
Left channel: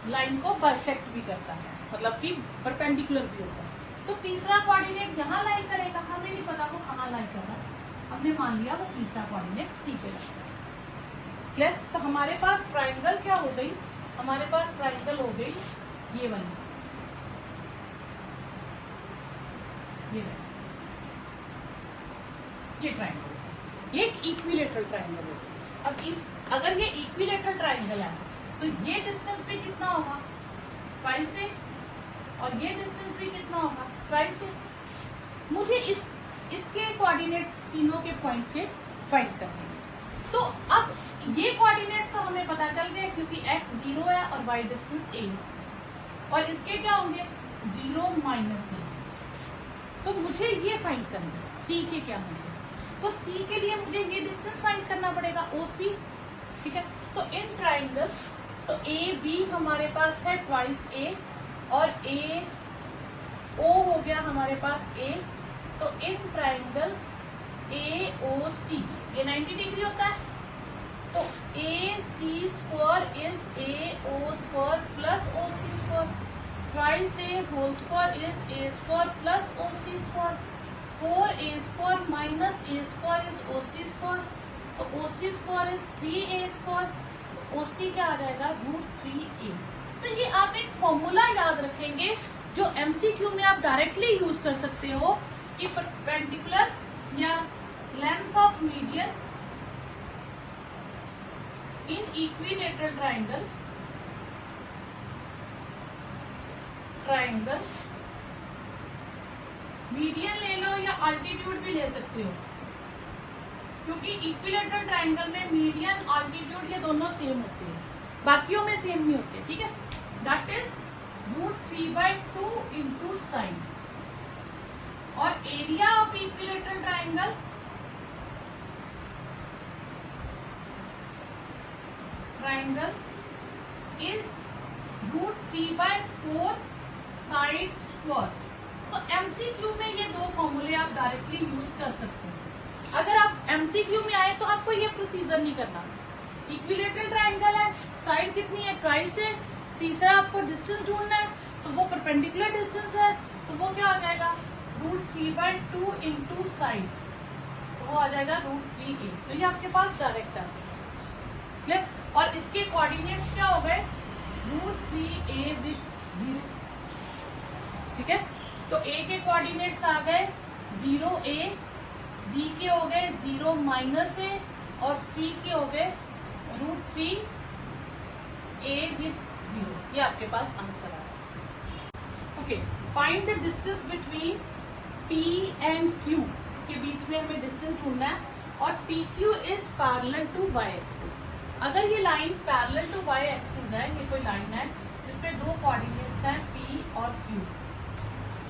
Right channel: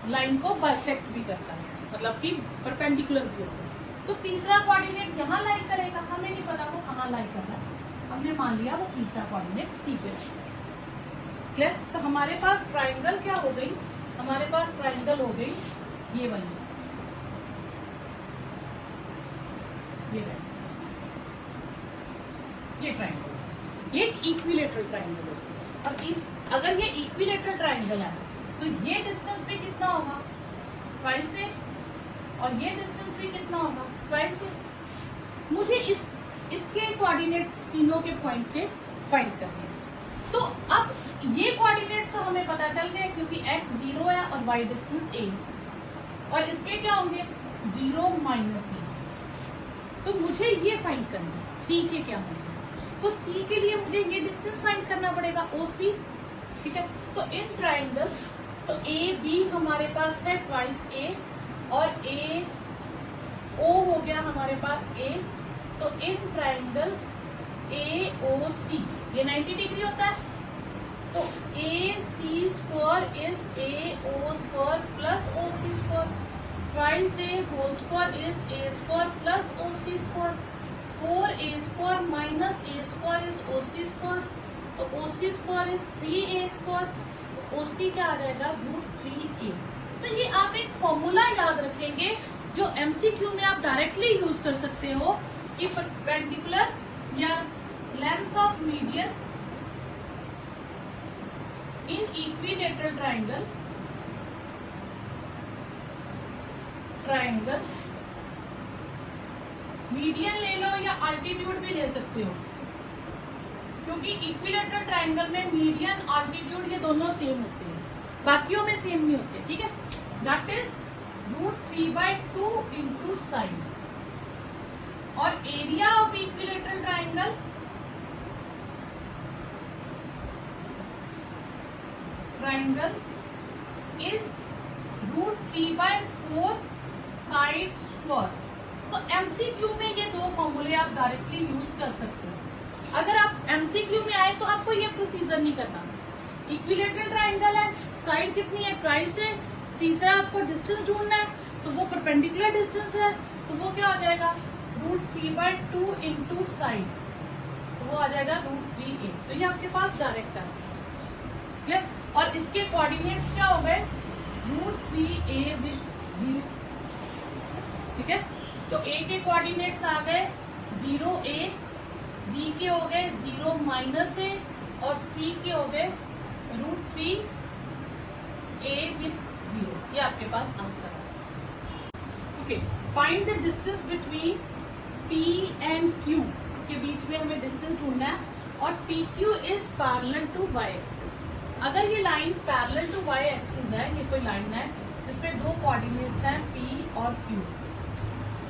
लाइन को बाइसेक्ट भी करता है, मतलब कि परपेंडिकुलर भी होता है। तो तीसरा कोऑर्डिनेट यहाँ लाइन करेगा, हमें नहीं पता वो कहाँ लाइन कर रहा है, हमने मान लिया वो तीसरा कोऑर्डिनेट सी पे है। क्लियर? तो हमारे पास ट्राइंगल क्या हो गई, हमारे पास ट्राइंगल हो गई ये वाली, ये ट्राइंगल, ये इक्विलेटरल ट्राइंगल होगा। अब इस अगर ये इक्विलेटरल ट्राइंगल है तो ये डिस्टेंस भी कितना होगा, 5 से, और ये डिस्टेंस भी कितना होगा, 5 से। मुझे इसके कोऑर्डिनेट्स तीनों के पॉइंट के फाइंड करने हैं। तो अब ये कोऑर्डिनेट्स तो हमें पता चल गए क्योंकि x 0 है और y डिस्टेंस a, और इसके क्या होंगे 0 माइनस a। तो मुझे ये फाइंड करना है c के क्या होंगे, तो c के लिए मुझे ये डिस्टेंस फाइंड करना पड़ेगा OC, ठीक है। तो इन ट्राइंगल तो ए बी हमारे पास है ट्वाइस a, और ए ओ हो गया हमारे पास a, तो इन ट्राइंगल AOC ये 90 डिग्री होता है, तो AC square is AO square plus OC square, twice a whole square is A square plus OC square, 4a square minus a square is OC square, तो OC square is 3a square, तो OC क्या आ जाएगा √3a। तो ये आप एक formula याद रखेंगे जो MCQ में आप डायरेक्टली यूज कर सकते हो कि परपेंडिकुलर या length of median in equilateral triangle, median ले लो या अल्टीट्यूड भी ले सकते हो, क्योंकि इक्विलेटरल ट्राइंगल में मीडियन अल्टीट्यूड ये दोनों सेम होते हैं, बाकियों में सेम नहीं होते, ठीक है। दैट इज √3/2 इंटू साइन, और area of equilateral triangle is √3/4 side square. तो MCQ में ये दो फॉर्मूले आप डायरेक्टली यूज कर सकते हैं। अगर आप MCQ में आए तो आपको ये प्रोसीजर नहीं करना। इक्विलेटरल ट्राइंगल है, साइड कितनी है ट्वाइस है, तीसरा आपको डिस्टेंस ढूंढना है, तो वो परपेंडिकुलर डिस्टेंस है, तो वो क्या आ जाएगा √3/2 इंटू साइड, तो वो आ जाएगा √3a। तो ये आपके पास डायरेक्ट है, ठीक है। और इसके कोऑर्डिनेट्स क्या हो गए √3a विद 0, ठीक है। तो a के कोऑर्डिनेट्स आ गए 0a, b के हो गए 0 माइनस a, और c के हो गए √3a विद 0। ये आपके पास आंसर है। Okay, find the distance between P and Q के बीच में हमें डिस्टेंस ढूंढना है, और PQ is parallel to y axis. अगर ये line parallel to y axis है, ये कोई लाइन है इसमें दो कोऑर्डिनेट्स हैं P और Q,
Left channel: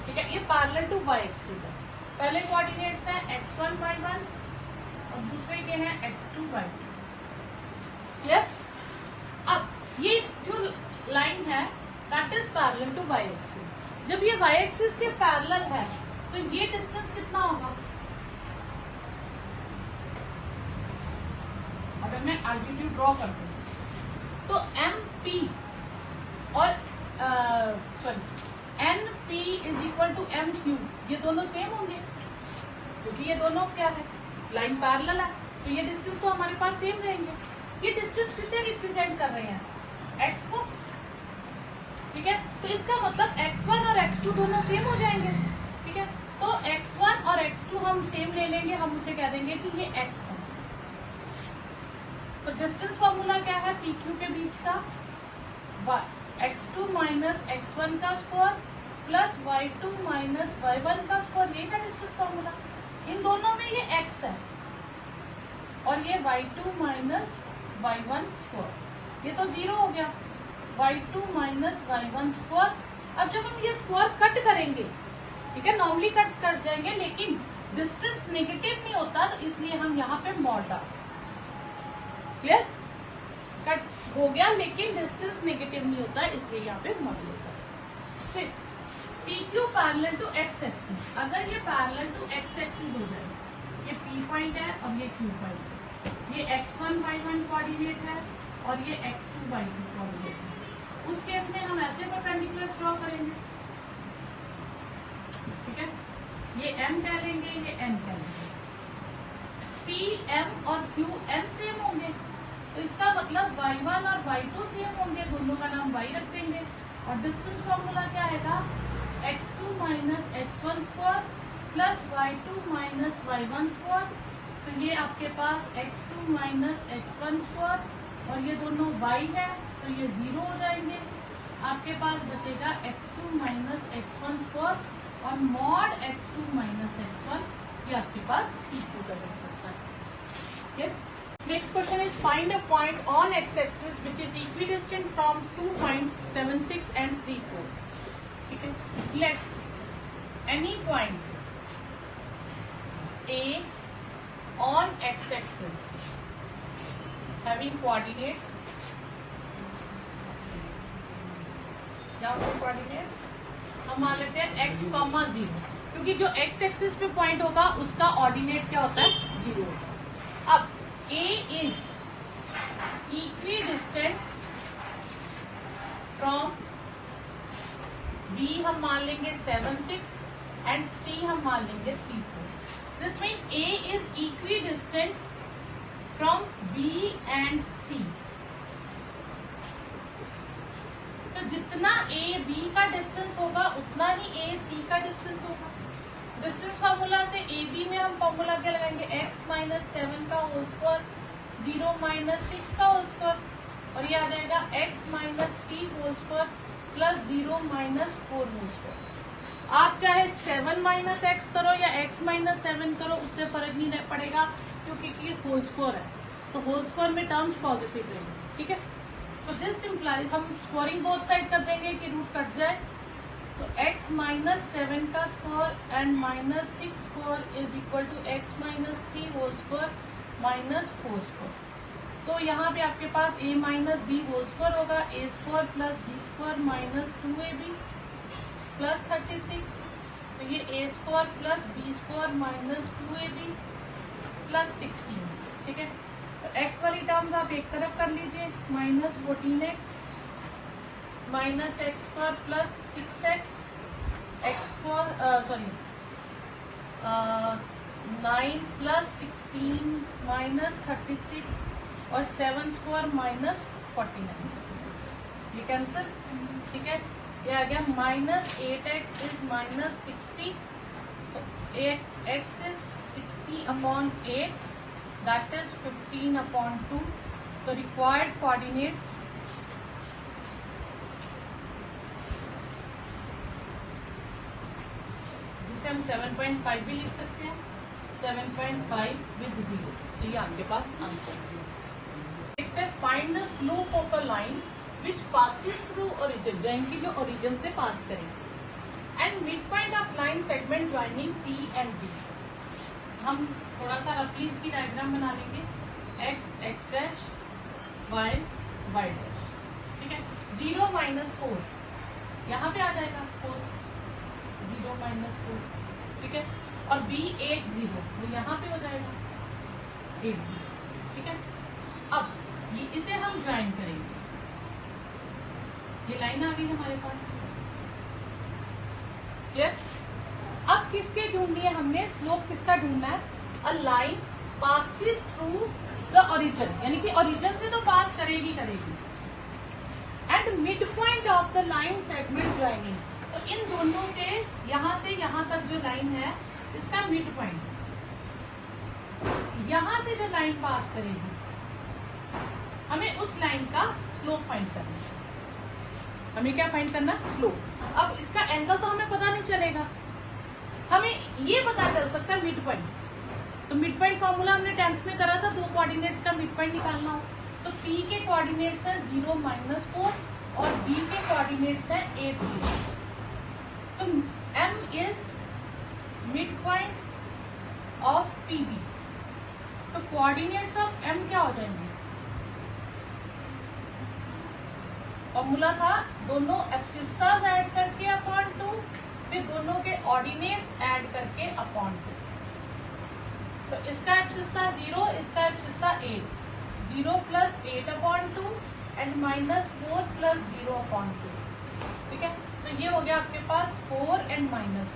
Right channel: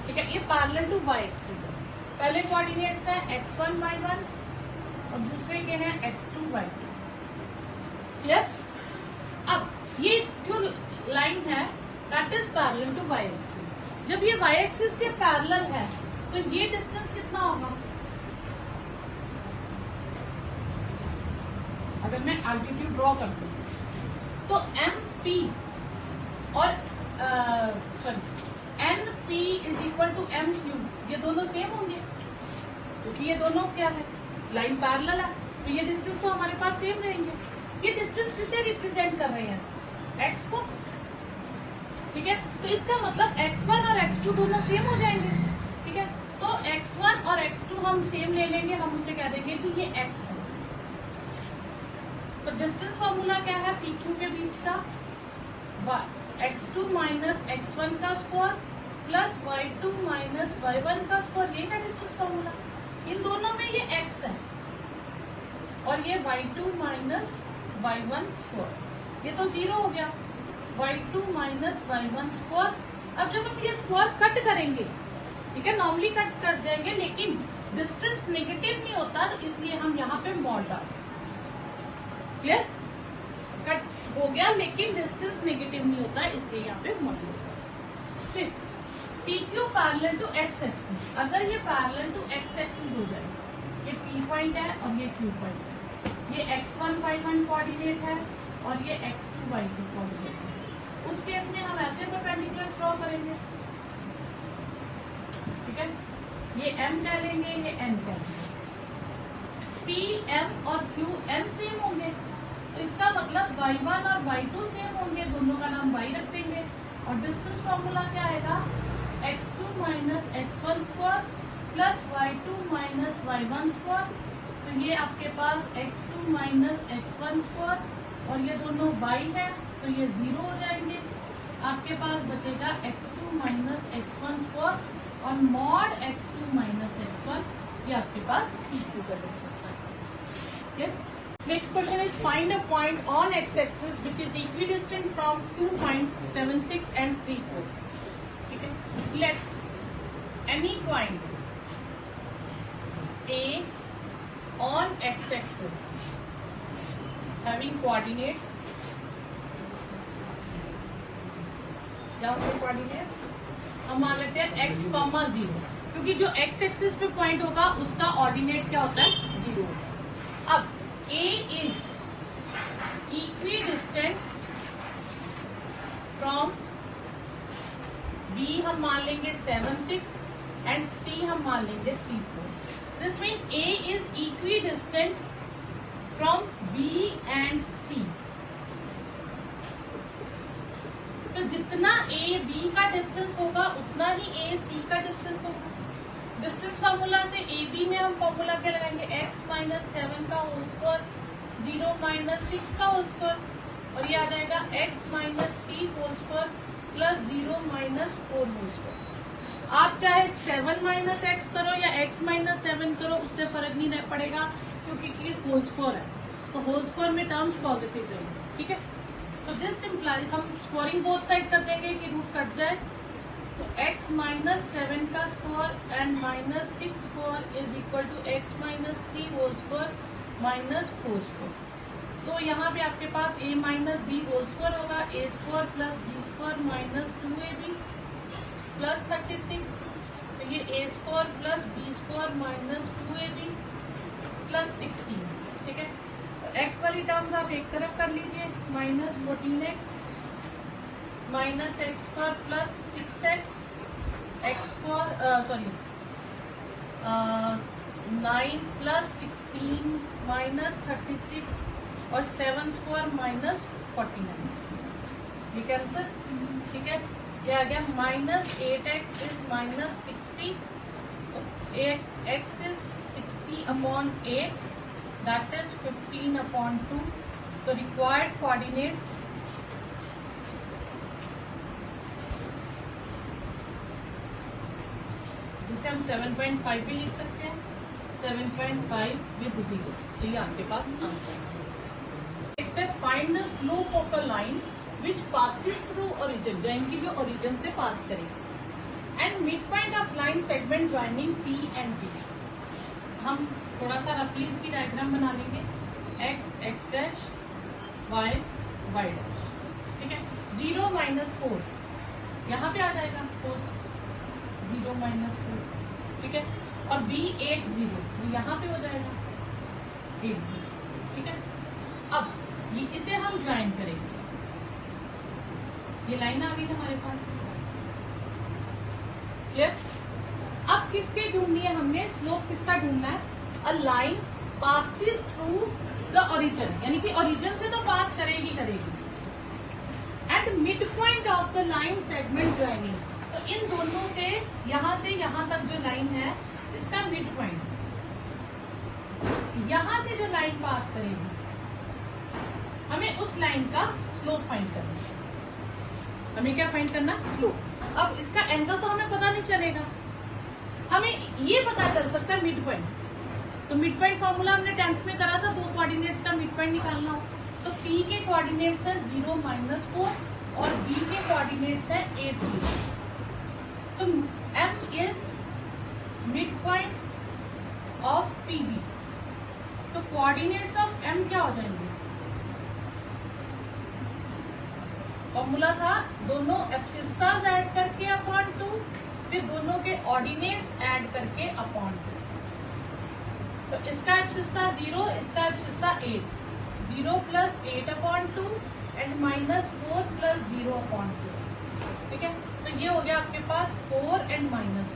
ठीक है, ये पैरेलल टू y एक्सिस है। पहले कोऑर्डिनेट्स हैं x1 y1 और दूसरे के हैं x2 y2, क्लियर। अब ये जो लाइन है that is parallel to y axis. जब ये y एक्सिस के पैरेलल है तो ये डिस्टेंस कितना होगा, अगर मैं अल्टीट्यूड ड्रॉ करती हूँ तो MP और NP is equal to MQ, ये दोनों सेम होंगे क्योंकि ये दोनों क्या है लाइन पैरेलल है, तो ये डिस्टेंस तो हमारे पास सेम रहेंगे। ये डिस्टेंस किसे रिप्रेजेंट कर रहे हैं, x को, ठीक है। तो इसका मतलब x1 और x2 दोनों सेम हो जाएंगे, ठीक है। तो x1 और x2 हम सेम ले लेंगे, हम उसे कह देंगे कि ये x है। तो डिस्टेंस फॉर्मूला क्या है PQ के बीच का, x2 माइनस x1 का square plus y2 minus y1 का स्क्वायर, ये है डिस्टेंस फॉर्मूला। इन दोनों में ये x है और ये y2 माइनस y1 स्क्वायर, ये तो 0 हो गया, y2 माइनस y1 स्क्वायर। अब जब हम ये स्क्वायर कट करेंगे, ठीक है, नॉर्मली कट कर जाएंगे, लेकिन डिस्टेंस नेगेटिव नहीं होता, तो इसलिए हम यहाँ पे मॉड डालते हैं, क्लियर। कट हो गया लेकिन डिस्टेंस नेगेटिव नहीं होता, इसलिए यहाँ पे मॉड्यूलस है। फिर PQ parallel to x axis, अगर ये पैरेलल टू x एक्सिस हो जाए, ये P पॉइंट है और ये Q पॉइंट है, ये x1 y1 कोऑर्डिनेट है और ये x2 y2 कोऑर्डिनेट है, उस केस में हम ऐसे परपेंडिकुलर ड्रॉ करेंगे, ठीक है। ये m कह लेंगे, ये n कह लेंगे। P, m और Q, n सेम होंगे, तो इसका मतलब y1 और y2 सेम होंगे, दोनों का नाम y रख देंगे। और डिस्टेंस फॉर्मूला क्या आएगा, x2 minus x1 square plus y2 minus y1 square. तो ये आपके पास x2 माइनस x1 स्क्वायर और ये दोनों y है, तो ये 0 हो जाएंगे। आपके पास बचेगा x2 माइनस x1 स्क्वायर और मॉड x2 माइनस x1, ये आपके पास x2 का डिस्टेंस है, ठीक है। Next question is find a point on x-axis which is equidistant from 2 points 7, 6 and 3, 4. Okay. Let any point A on x-axis having coordinates. क्या होते हैं coordinate? हम मान लेते हैं x, 0, क्योंकि जो x एक्सिस पे पॉइंट होगा उसका ऑर्डिनेट क्या होता है, 0। अब A is equidistant from B हम मान लेंगे 7, 6 and C हम मान लेंगे 3, 4। This means A is equidistant from B and C। तो जितना A B का डिस्टेंस होगा उतना ही A C का डिस्टेंस होगा। डिस्टेंस फार्मूला से ए बी में हम फॉर्मूला क्या लगाएंगे, x माइनस 7 का होल स्क्वायर 0 माइनस 6 का होल स्क्वायर और ये आ जाएगा x minus 3 whole square plus 0 minus 4 whole square. आप चाहे 7 माइनस एक्स करो या x माइनस 7 करो, उससे फर्क नहीं पड़ेगा क्योंकि ये होल स्क्वायर है, तो होल स्क्वायर में टर्म्स पॉजिटिव लेंगे, ठीक है। तो दिस इम्प्लाइज हम स्क्वायरिंग बोथ साइड कर देंगे कि रूट कट जाए, तो x माइनस 7 का square and minus 6 square is equal to x minus 3 whole square minus 4 square. तो यहाँ पे आपके पास a minus B whole square होगा, a square plus B square minus 2ab plus 36, तो ये a square plus B square minus 2ab plus 16, ठीक है। तो x वाली टर्म्स आप एक तरफ कर लीजिए, minus 14x minus x square plus 6x x square 9 plus 16 minus 36 और 7 स्क्वायर माइनस 49, ये कैंसिल, ठीक है। ये आ गया minus 8x is minus 60, 8x is 60 upon 8 that is 15 upon 2। तो रिक्वायर्ड कोऑर्डिनेट्स जिसे हम 7.5 भी लिख सकते हैं, 7.5 विद 0, तो ये आपके पास आंसर है। नेक्स्ट है find the slope of a line which passes through origin, यानी कि जो ओरिजिन से पास करेगी, and mid point of line segment joining P and B। हम थोड़ा सा रफली इसकी डायग्राम बना लेंगे, x x dash y y dash, ठीक है। 0 माइनस 4 यहाँ पे आ जाएगा, सपोज 0 माइनस 4, ठीक है। और B 8 0 तो यहाँ पे हो जाएगा 8 0, ठीक है। अब इसे हम ज्वाइन करेंगे, ये लाइन आ गई हमारे पास, क्लियर। अब किसके ढूंढनी है हमने, स्लोप किसका ढूंढना है, a line passes through the origin, यानी कि ओरिजिन से तो पास करेगी and mid point of the line segment joining. तो इन दोनों के यहाँ से यहाँ तक जो लाइन है इसका मिड पॉइंट, यहाँ से जो लाइन पास करेगी हमें उस लाइन का स्लोप फाइंड करना है। हमें क्या फाइंड करना, स्लोप। अब इसका एंगल तो हमें पता नहीं चलेगा, हमें ये पता चल सकता है मिड पॉइंट। तो मिड पॉइंट फॉर्मूला हमने 10th में करा था, 2 कोऑर्डिनेट्स का मिड पॉइंट निकालना हो। तो P के कोऑर्डिनेट्स है 0 माइनस 4 और B के कोऑर्डिनेट्स है 8 0। तो M is mid point of PB। तो कोऑर्डिनेट्स ऑफ M क्या हो जाएंगे, फॉर्मूला था दोनों एक्सिस ऐड करके अपॉन 2, फिर दोनों के ऑर्डिनेट्स ऐड करके अपॉन 2। तो इसका एक्सिस 0, इसका एक्सिस 8, 0 प्लस 8 अपॉन 2 एंड -4 + 0/2। ठीक है, तो ये हो गया आपके पास 4 एंड -2।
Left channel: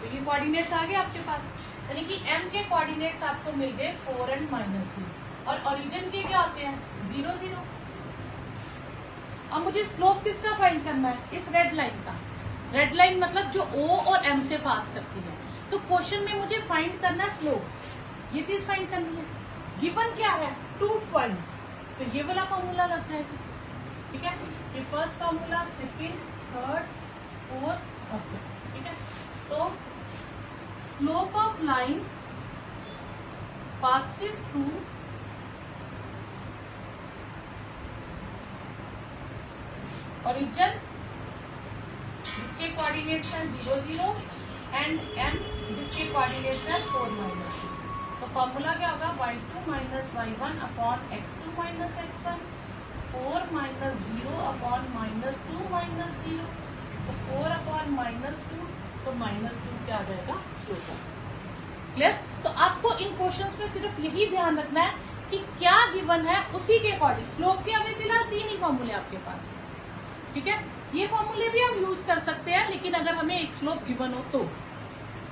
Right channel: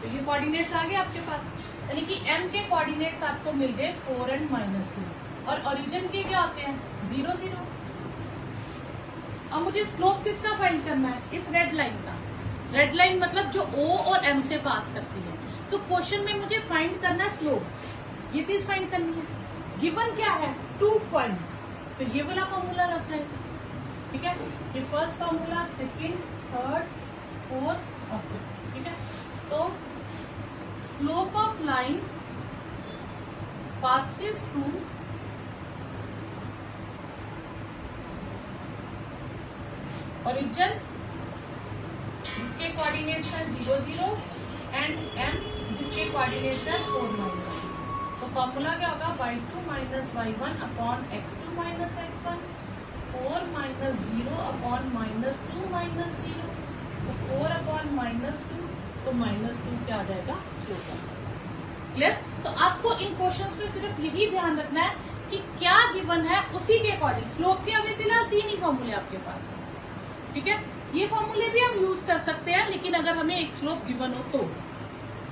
तो ये कोऑर्डिनेट्स आ गए आपके पास, यानी कि m के कोऑर्डिनेट्स आपको मिल गए 4 एंड -2, और ओरिजिन के क्या होते हैं 0 0। अब मुझे स्लोप किसका फाइंड करना है, इस रेड लाइन का। रेड लाइन मतलब जो O और M से पास करती है। तो क्वेश्चन में मुझे फाइंड करना है स्लोप, ये चीज फाइंड करनी है। गिवन क्या है 2 पॉइंट्स, तो ये वाला फॉर्मूला लग जाएगा। ठीक है, ये first formula, second, third, fourth और फिफ्थ। ठीक है, तो slope of line passes through origin जिसके कोऑर्डिनेट्स है 0 0 एंड m जिसके कोऑर्डिनेट्स है 4 9। तो फॉर्मूला क्या होगा y2 - y1 upon x2 - x1, 4 - 0 upon -2 - 0, तो 4 अपॉन -2, तो -2 क्या आ जाएगा स्लोप। क्लियर? तो आपको इन क्वेश्चंस में सिर्फ यही ध्यान रखना है कि क्या गिवन है उसी के अकॉर्डिंग। स्लोप के अभी फिलहाल 3 ही फॉर्मूले आपके पास। ठीक है, ये फॉर्मूले भी हम यूज कर सकते हैं, लेकिन अगर हमें एक स्लोप गिवन हो तो।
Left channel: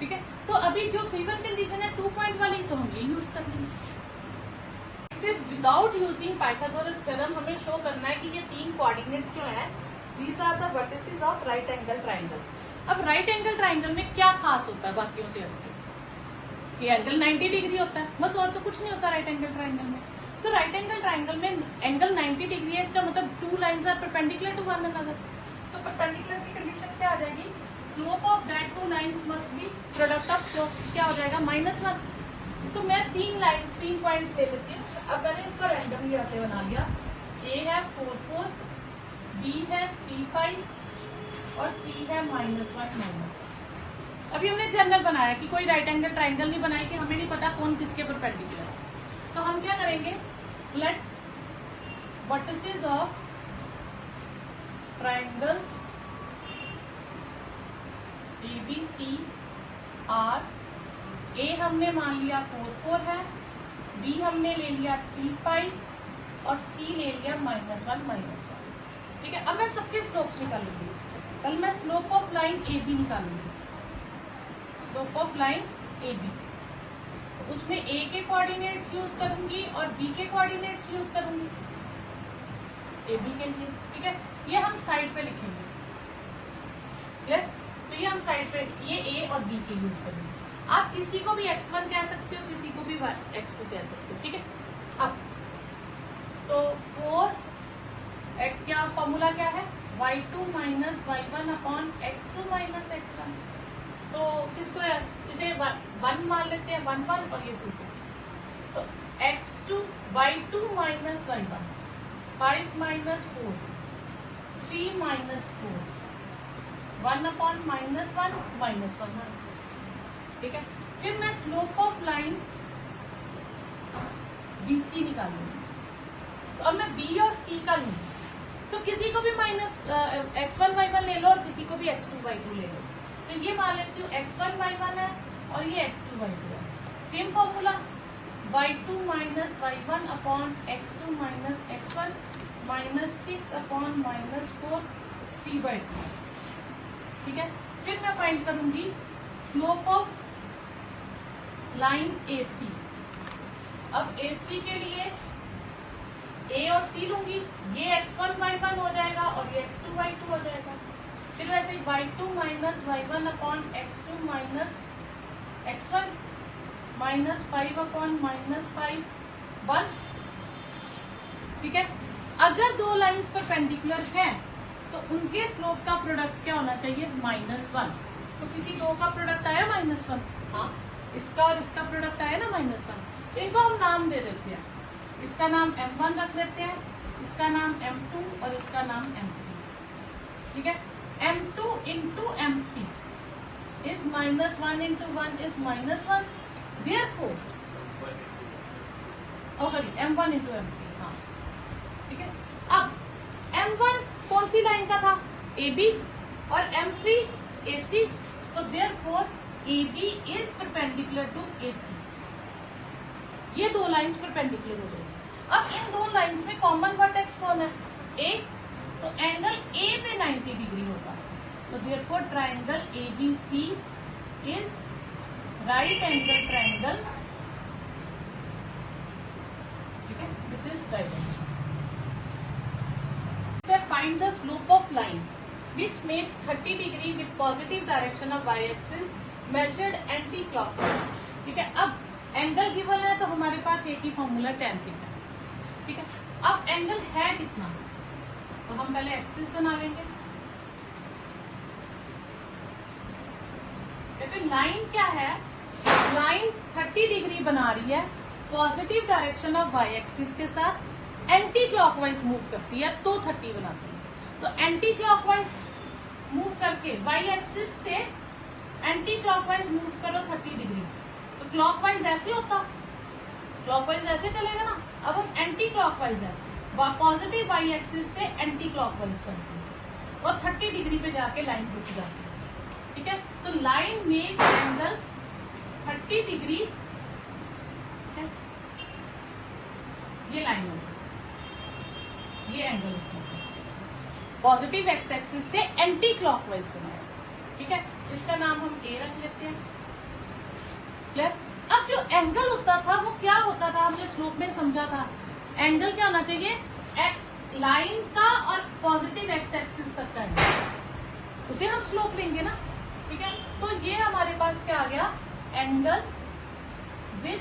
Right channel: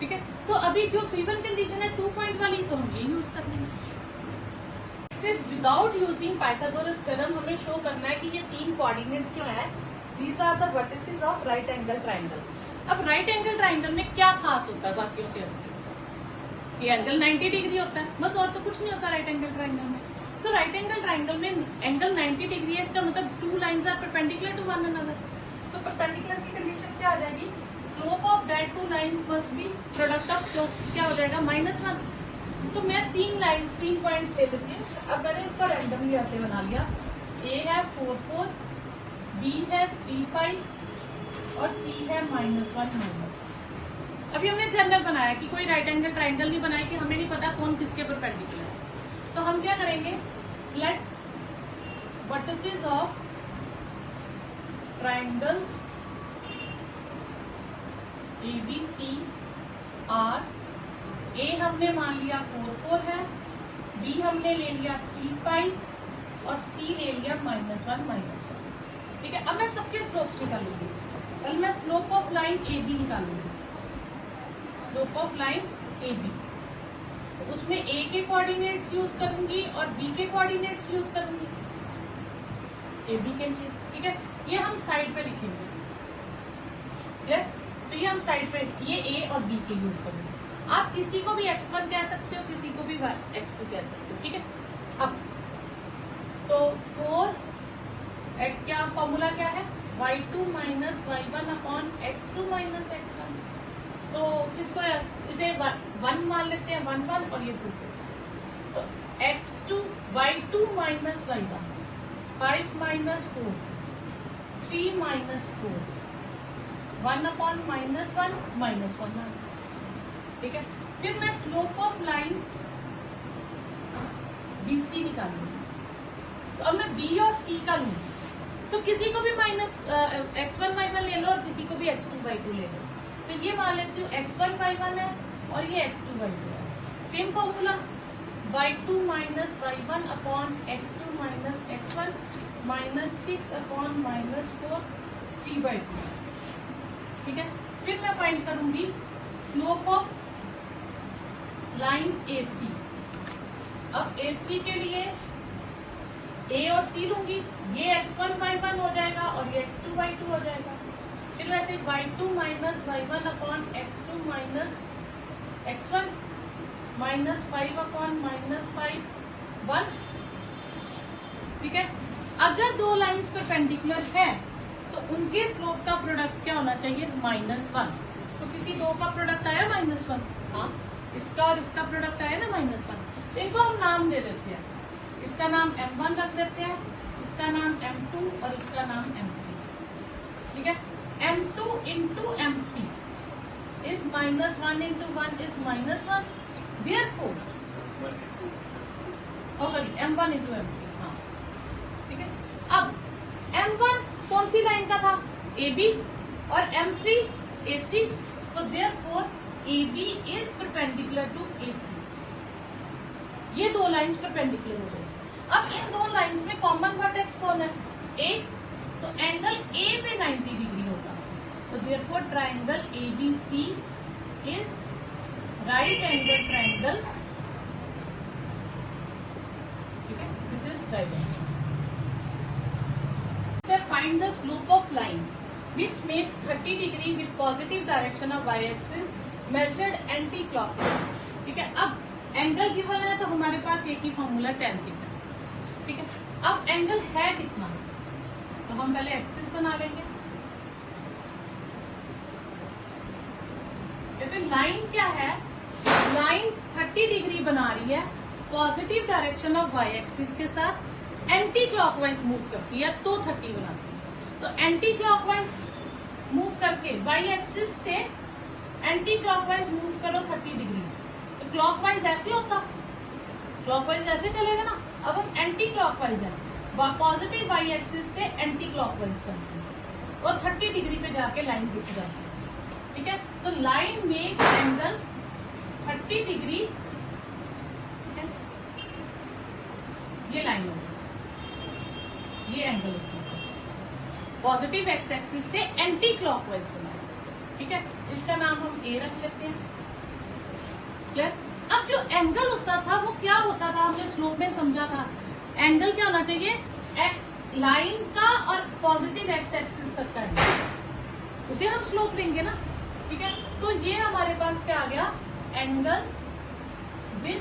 ठीक है, तो अभी जो गिवन कंडीशन है 2 पॉइंट वाली, तो हम ये यूज करेंगे। विदाउट यूजिंग पाइथागोरस थ्योरम हमें शो करना है कि ये 3 कोऑर्डिनेट्स जो है these are the vertices of right angle triangle. अब राइट एंगल ट्राइंगल में क्या खास होता है बाकियों से, ये एंगल 90 डिग्री होता है, बस और तो कुछ नहीं होता राइट एंगल ट्राइंगल में। तो राइट एंगल ट्राइंगल में एंगल 90 डिग्री है, इसका मतलब 2 lines are perpendicular to one another. तो परपेंडिकुलर की कंडीशन क्या आ जाएगी, slope of that 2 lines must be product of slopes क्या हो जाएगा -1। तो मैं 3 पॉइंट्स ले लेती हूँ। अब मैंने इसका रैंडमली ऐसे बना लिया, ए है 4 4, बी है 3 5 और सी है -1 -1। अभी हमने जनरल बनाया कि कोई राइट एंगल ट्राइंगल नहीं बनाया कि हमें नहीं पता कौन किसके परपेंडिकुलर है। तो हम क्या करेंगे, let vertices of triangle ABC are, A हमने मान लिया 4 4 है, बी हमने ले लिया 3 5 और सी ले लिया -1 -1। ठीक है, अब मैं सबके स्लोप्स निकालूंगी। कल मैं स्लोप ऑफ लाइन AB निकालूंगी, स्लोप ऑफ लाइन AB। तो उसमें A के कोऑर्डिनेट्स यूज करूंगी और B के कोऑर्डिनेट्स यूज करूंगी AB के लिए। ठीक है, ये हम साइड पे लिखेंगे। क्लियर? तो ये हम साइड पे ये A और B को यूज करेंगे। आप किसी को भी x1 कह सकते हो, किसी को भी x2 कह सकते हो। ठीक है, अब तो 4 क्या फॉर्मूला क्या है, y2 - y1 upon x2 - x1। तो किसको इसे 1 मान लेते हैं, 1 1 और ये 2 2। तो x2 y2 - y1 5 - 4 3 - 4 1 अपॉन -1 -1। ठीक है, फिर मैं स्लोप ऑफ लाइन BC निकालूंगी। तो अब मैं B और C का लूंगी, तो किसी को भी x1 y1 ले लो और किसी को भी x2 y2 ले लो। तो ये मान लेती हूँ x1 y1 है और ये x2 y2 है। Same formula y2 - y1 upon x2 - x1 -6 upon -4 3/2। ठीक है, फिर मैं फाइंड करूंगी स्लोप ऑफ लाइन AC। अब AC के लिए A और C लूंगी, ये x1 y1 हो जाएगा और ये x2 y2 हो जाएगा। फिर वैसे y2 - y1 upon x2 - x1 -5 upon -5 1। ठीक है, अगर 2 लाइंस परपेंडिकुलर है तो उनके स्लोप का प्रोडक्ट क्या होना चाहिए, -1। तो किसी 2 का प्रोडक्ट आया -1, हाँ, इसका और इसका प्रोडक्ट आया ना -1। इनको हम नाम दे देते हैं, इसका नाम M1 रख देते हैं, इसका नाम M2 और इसका नाम M3। ठीक है, M2 into M3 is -1 into 1 is -1, therefore M1 into M3। हाँ, ठीक है, अब M1 कौन सी लाइन का था, AB, और M3 AC। तो therefore AB is perpendicular to AC। ये 2 लाइंस परपेंडिकुलर हो जाएगी। अब इन दो लाइंस में कॉमन वर्टेक्स कौन है? ए। तो एंगल ए पे 90 डिग्री होगा। तो therefore triangle ABC is right angle triangle. This is right angle. Find the slope of line which makes 30 degree with positive direction of y-axis measured anti-clockwise। ठीक है, अब angle given है तो हमारे पास एक ही फॉर्मूला tan थीटा। ठीक है, अब एंगल है कितना, तो हम पहले एक्सिस बना लेंगे। देखिए लाइन क्या है, लाइन 30 डिग्री बना रही है positive direction of Y axis के साथ, एंटी क्लॉकवाइज मूव करती है तो 30 बनाती है। तो एंटी क्लॉकवाइज मूव करके वाई एक्सिस से एंटी क्लॉकवाइज मूव करो 30 डिग्री, तो क्लॉकवाइज ऐसे होता, क्लॉकवाइज ऐसे चलेगा ना। अब हम एंटी क्लॉकवाइज है, पॉजिटिव वाई एक्सिस से एंटी क्लॉकवाइज चलती है और 30 डिग्री पे जाके लाइन रुक जाती है। ठीक है, तो लाइन में एंगल 30 डिग्री, ये लाइन होगी, ये एंगल इसमें पॉजिटिव एक्स एक्सिस से एंटी क्लॉकवाइज बनाएगा। ठीक है, इसका नाम हम ए रख लेते हैं। क्लियर? अब जो एंगल होता था वो क्या होता था, हमने स्लोप में समझा था। एंगल क्या होना चाहिए, लाइन का और पॉजिटिव एक्स एक्सिस तक का एंगल, उसे हम स्लोप लेंगे ना। ठीक है, तो ये हमारे पास क्या आ गया, angle with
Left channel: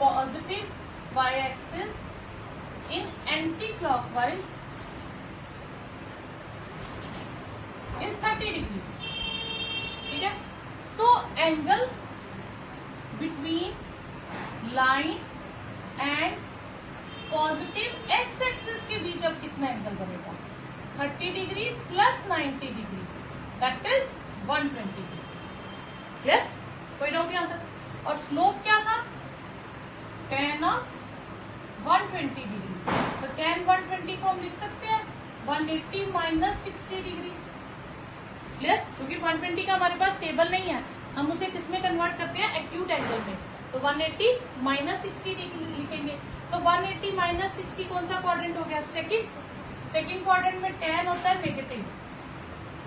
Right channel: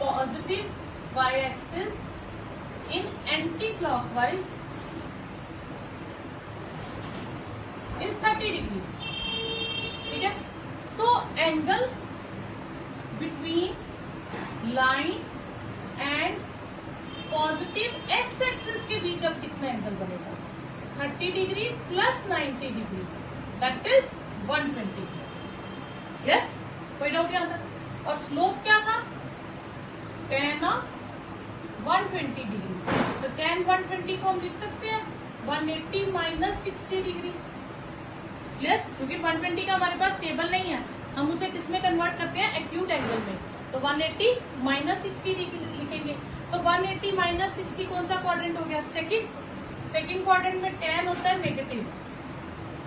positive Y axis in anti clockwise is 30 degree. ठीक है, तो angle between line and positive X axis के बीच अब कितना एंगल बनेगा, 30 degree plus 90 degree, that is 120 degree. Clear? कोई डाउट यहाँ तक? और स्लोप क्या था, tan ऑफ 120 डिग्री। तो tan 120 को हम लिख सकते हैं 180 माइनस 60 डिग्री। क्लियर? क्योंकि 120 का हमारे पास टेबल नहीं है, हम उसे किसमें कन्वर्ट करते हैं, एक्यूट एंगल में। तो 180 माइनस 60 डिग्री लिखेंगे। तो 180 माइनस 60 कौन सा क्वाड्रेंट हो गया, सेकंड क्वाड्रेंट में tan होता है नेगेटिव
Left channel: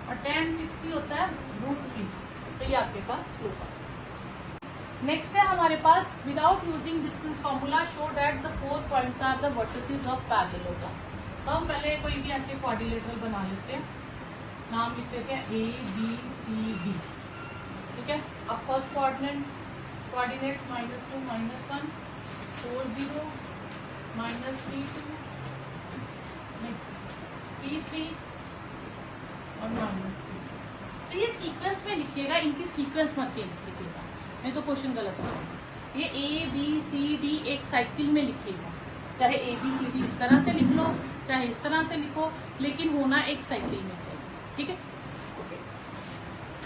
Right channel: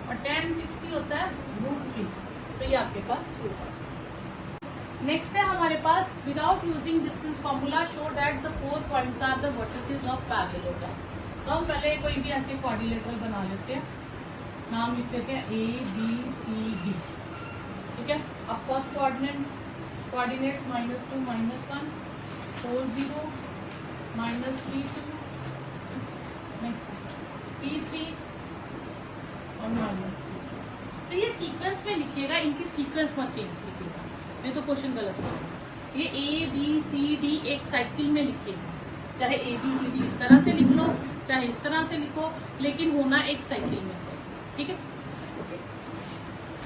और tan 60 होता है √3। तो ये आपके पास स्लोप है। नेक्स्ट है हमारे पास without using distance formula show that the 4 points are the vertices of parallelogram. तो हम पहले कोई भी ऐसे क्वाड्रिलेटरल बना लेते हैं, नाम लिख लेते हैं ABCD। ठीक है, अब फर्स्ट कोऑर्डिनेट्स -2 -1 4 0 -3 3 और -3। तो ये सीक्वेंस में लिखिएगा, इनकी सीक्वेंस मत चेंज कीजिएगा, नहीं तो क्वेश्चन गलत हो जाएगा। ये ABCD एक साइकिल में लिखिएगा, चाहे ABCD इस तरह से लिख लो चाहे इस तरह से लिखो, लेकिन होना एक साइकिल में चाहिए। ठीक है,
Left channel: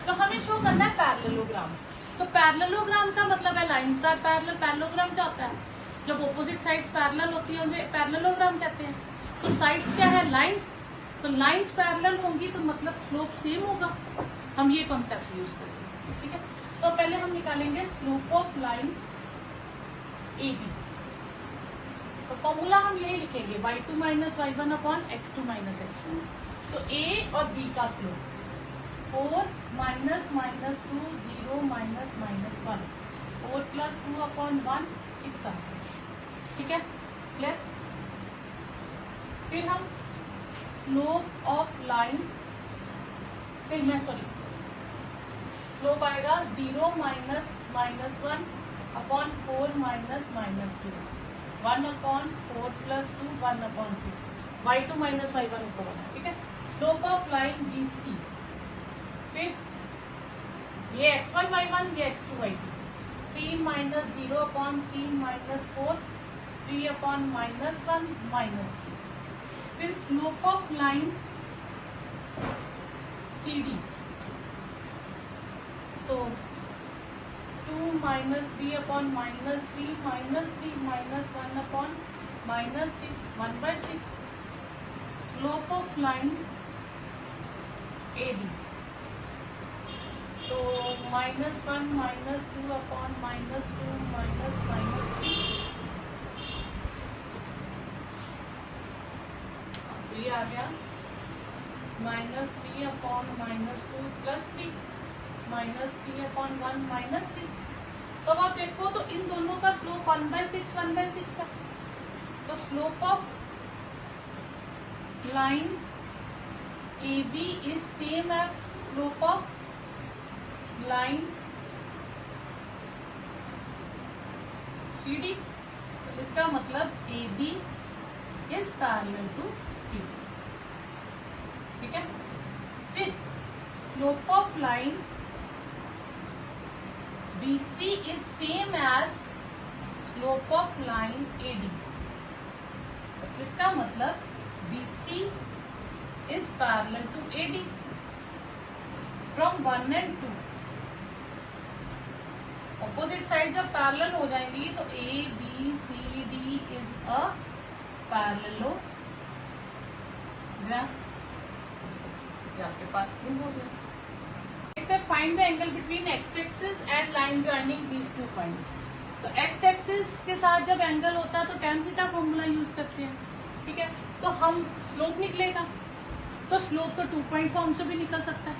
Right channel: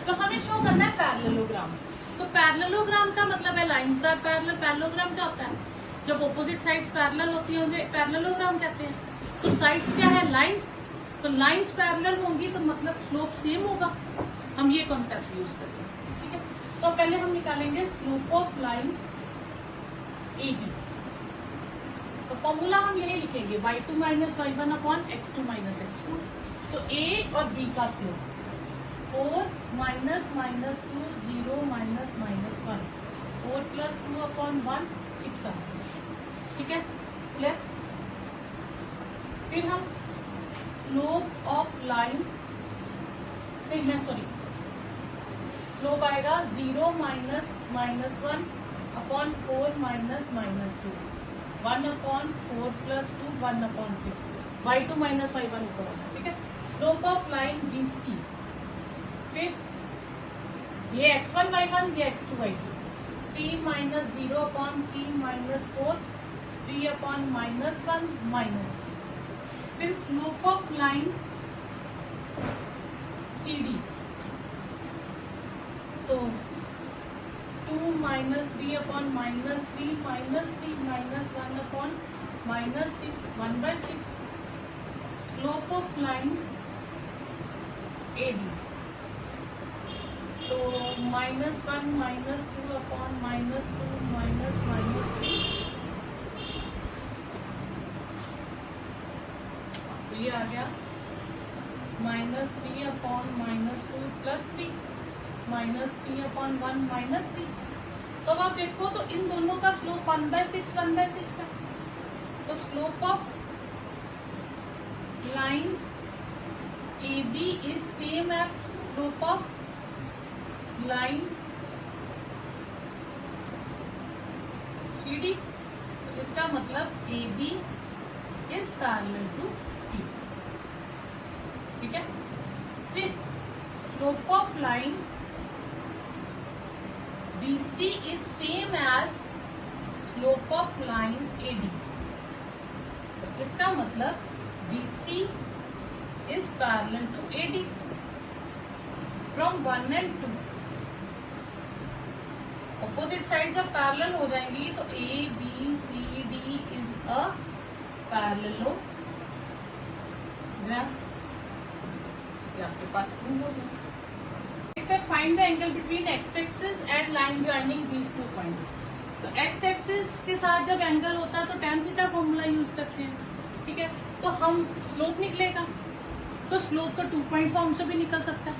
तो हमें शो करना है पैरेललोग्राम। तो पैरेललोग्राम का मतलब है लाइन से पैरेलल। पैरेललोग्राम क्या होता है, जब ऑपोजिट साइड्स पैरेलल होती है उन्हें पैरेललोग्राम कहते हैं। तो साइड्स क्या है, लाइंस। तो लाइंस पैरेलल होंगी तो मतलब स्लोप सेम होगा, हम ये कॉन्सेप्ट यूज करते हैं। ठीक है, तो पहले हम निकालेंगे स्लोप ऑफ लाइन AB। तो फॉर्मूला हम यही लिखेंगे y2 minus y1 upon x2 minus x2। तो A और B का slope 4 minus -2 0 minus -1 4 plus 2 upon 1 6 आ। ठीक है, क्लियर? फिर हम स्लोप ऑफ लाइन, स्लोप आएगा 0 minus -1 upon 4 minus -2 1 upon 4 plus 2 1 upon 6 y2 minus y1 ऊपर आना। ठीक है, स्लोप ऑफ लाइन BC, फिर ये x1 y1 ये x2 y2 3 minus 0 upon 3 minus 4 3 upon -1 -3। फिर स्लोप ऑफ लाइन CD, तो 2 minus 3 upon -3 -3 -1 upon -6 1/6। Slope of line AD, तो -1 -2 अपॉन -2 -3 ये आ गया -3 अपॉन -2 प्लस 3 -3 अपॉन 1 -3। तो अब आप देखो तो इन दोनों का स्लोप 1/6 है। तो slope of line AB is same as slope of line CD। तो इसका मतलब AB is parallel to CD, ठीक है। फिर slope of line BC is same as slope of line AD। तो इसका मतलब BC is parallel to AD from 1 and 2। Opposite side जब पैरेलल हो जाएंगी तो ABCD is a parallelogram। तो आपके पास प्रूव हो गया। Find the angle between x axis at line joining these two points. तो एक्स एक्सिस के साथ जब एंगल होता है तो tan थीटा फॉर्मूला यूज करते हैं, ठीक है। तो हम स्लोप निकलेगा, तो स्लोप तो 2 पॉइंट फॉर्म से भी निकल सकता है।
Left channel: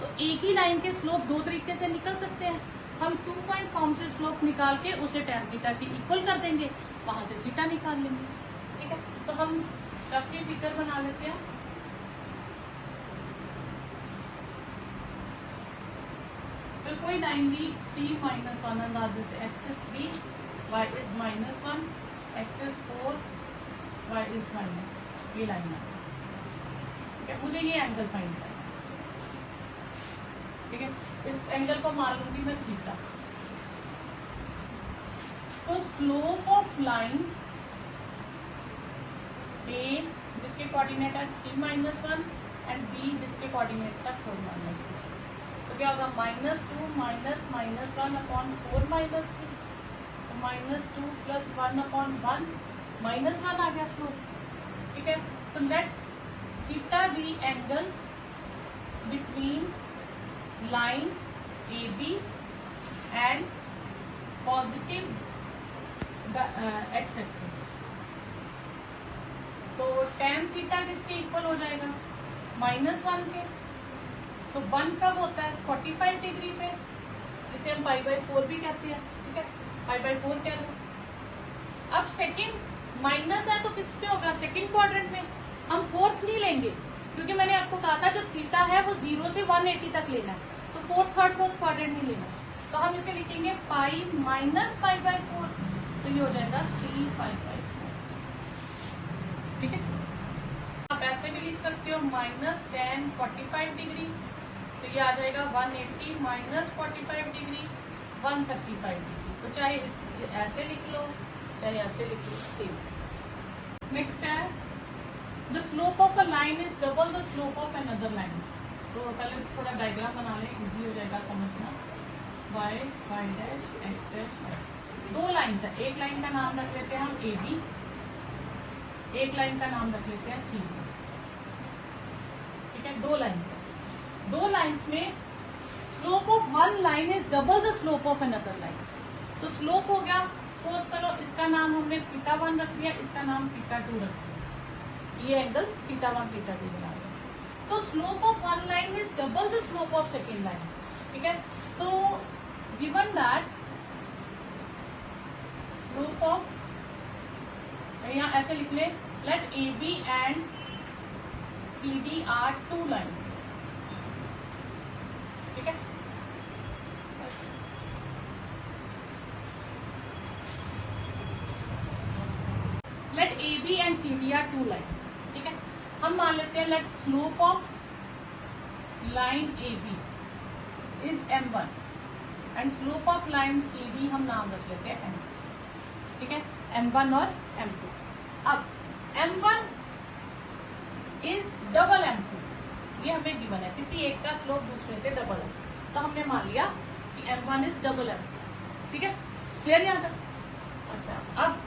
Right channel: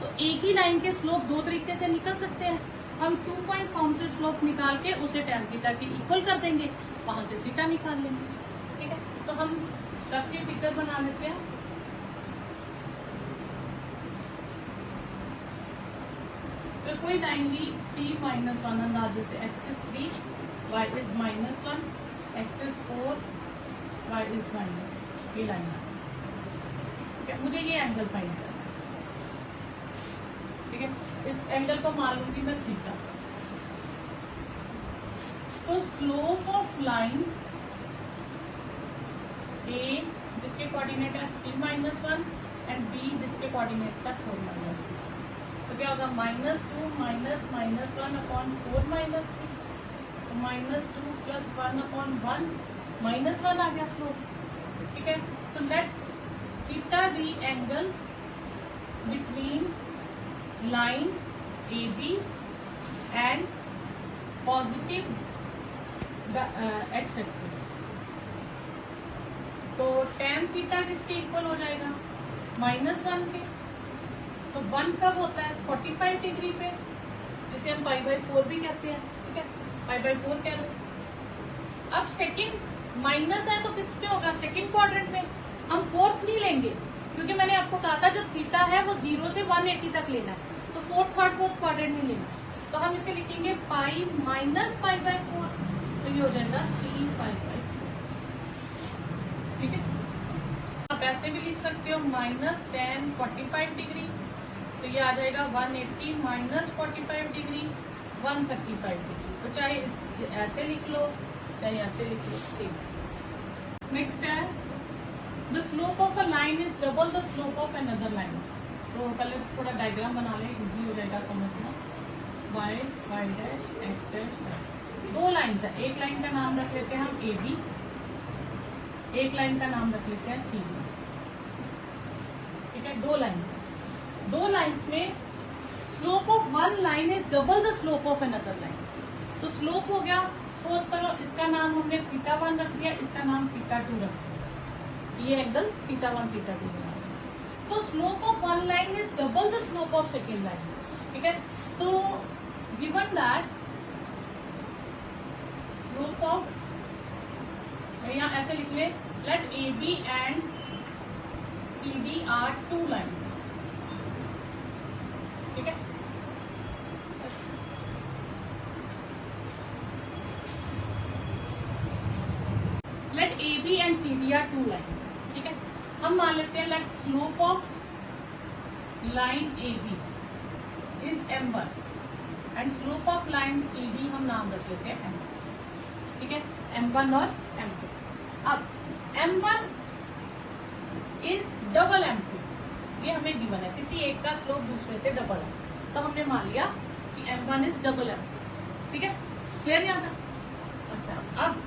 तो एक ही लाइन के स्लोप दो तरीके से निकल सकते हैं। हम 2 पॉइंट फॉर्म से स्लोप निकाल के उसे tan थीटा की इक्वल कर देंगे, वहां से थीटा निकाल लेंगे, ठीक है। तो हम रफली फिगर बना लेते हैं। तो कोई लाइन दी P -1 अंदाजे से axis 3, y is -1, axis 4, y is -2, ये लाइन है, ठीक है। मुझे ये एंगल फाइंड करना है, ठीक है। इस एंगल को मान लूंगी मैं थीटा। तो स्लोप ऑफ लाइन A जिसके कोऑर्डिनेट है P-1 एंड B जिसके कोऑर्डिनेट है 4-2। तो क्या होगा -2 -1 अपॉन 4 -3, -2 प्लस 1 अपॉन 1 -1 आ गया स्लोप, ठीक है। तो let theta be angle between line AB and positive X axis. तो tan थीटा किसके इक्वल हो जाएगा? -1 के। तो 1 कब होता है? 45 डिग्री पे, जिसे हम π/4 भी कहते हैं, ठीक है। π/4 कह दो। अब सेकंड माइनस है तो किस पे होगा? सेकंड क्वाड्रेंट में। हम फोर्थ नहीं लेंगे, क्योंकि मैंने आपको कहा था जो थीटा है वो 0 से 180 तक लेना, तो फोर्थ थर्ड फोर्थ क्वाड्रेंट नहीं लेना। तो हम इसे लिखेंगे पाई माइनस π/4, तो ये हो जाएगा 3π/4, ठीक है। आप ऐसे भी लिख सकते हो -tan 45 डिग्री, तो ये आ जाएगा 180 -45 डिग्री 135 डिग्री। तो चाहे ऐसे लिख लो चाहे ऐसे लिख लो। नेक्स्ट है the slope of a line is double the slope of another line. तो पहले थोड़ा डायग्राम बनाने इजी हो जाएगा समझना। y dash x dash. दो लाइन्स है, एक लाइन का नाम रख लेते हैं हम AB, एक लाइन का नाम रख लेते हैं CD, ठीक है। दो लाइन्स है, दो लाइन्स में slope of one line is double the slope of another line. तो स्लोप हो गया, तो इसका नाम हमने θ1 रख दिया, इसका नाम θ2 रख दिया। ये एंगल θ1 θ2 बना। तो slope of one line is double the slope of second line, ठीक है। तो गिवन दैट स्लोप ऑफ, यहाँ ऐसे लिख ले, let AB and CD are two lines, ठीक है। Let AB and CD are two lines, ठीक है। हम मान लेते हैं let slope of line AB is M1 and slope of line CD हम नाम रख लेते हैं M2, ठीक है। M1 और M2। अब M1 इज डबल M2, ये हमें गिवन है, किसी एक का स्लोप दूसरे से डबल है, तो हमने मान लिया कि M1 इज डबल M2, ठीक है। क्लियर यहाँ तक? अच्छा, अब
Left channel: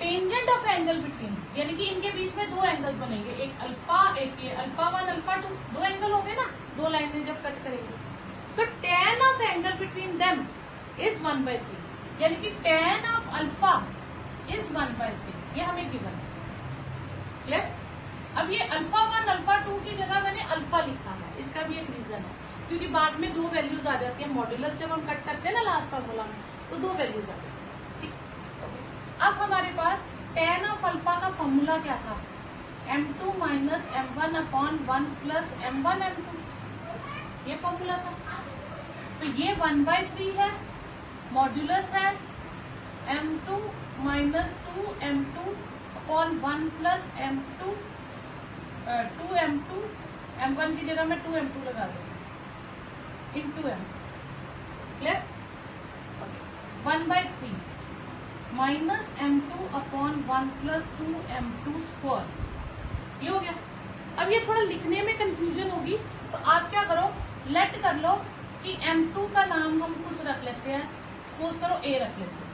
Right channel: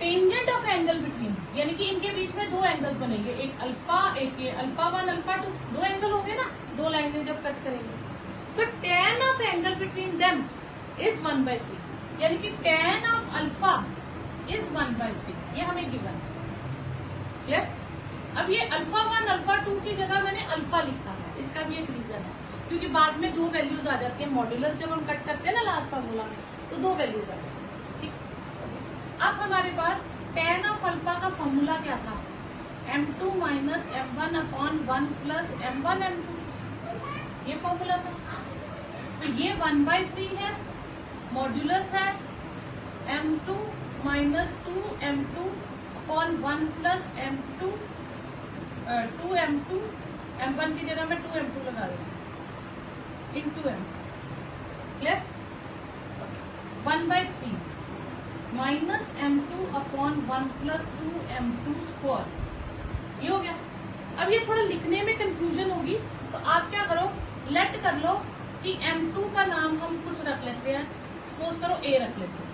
टेंजेंट ऑफ एंगल बिटवीन, यानी कि इनके बीच में दो एंगल्स बनेंगे, एक अल्फा एक ये α1 α2, दो एंगल हो गए ना, दो लाइनें जब कट करेंगे। तो tan of angle between them is 1/3, यानी कि tan ऑफ अल्फा इज 1/3, ये हमें गिवन है। क्लियर? अब ये अल्फा 1 अल्फा 2 की जगह मैंने अल्फा लिखा है, इसका भी एक रीजन है, क्योंकि बाद में दो वैल्यूज आ जाती है मॉड्यूलस जब हम कट करते हैं ना लास्ट फार्मूला में, तो दो वैल्यूज आ जाती है। ठीक, अब हमारे पास tan ऑफ अल्फा का फॉर्मूला क्या था, m2 minus f1 upon 1 plus m1 m2, ये फॉर्मूला था। तो ये 1/3 है, मॉड्यूलस है m2 minus 2m2 upon 1 plus m2 2m2, m1 की जगह मैं 2m2 लगा रही हूँ into m, clear? 1/3 minus m2 upon 1 plus 2m2 square, ये हो गया। अब ये थोड़ा लिखने में कंफ्यूजन होगी, तो आप क्या करो, लेट कर लो कि m2 का नाम हम कुछ रख लेते हैं, सपोज करो a रख लेते हैं,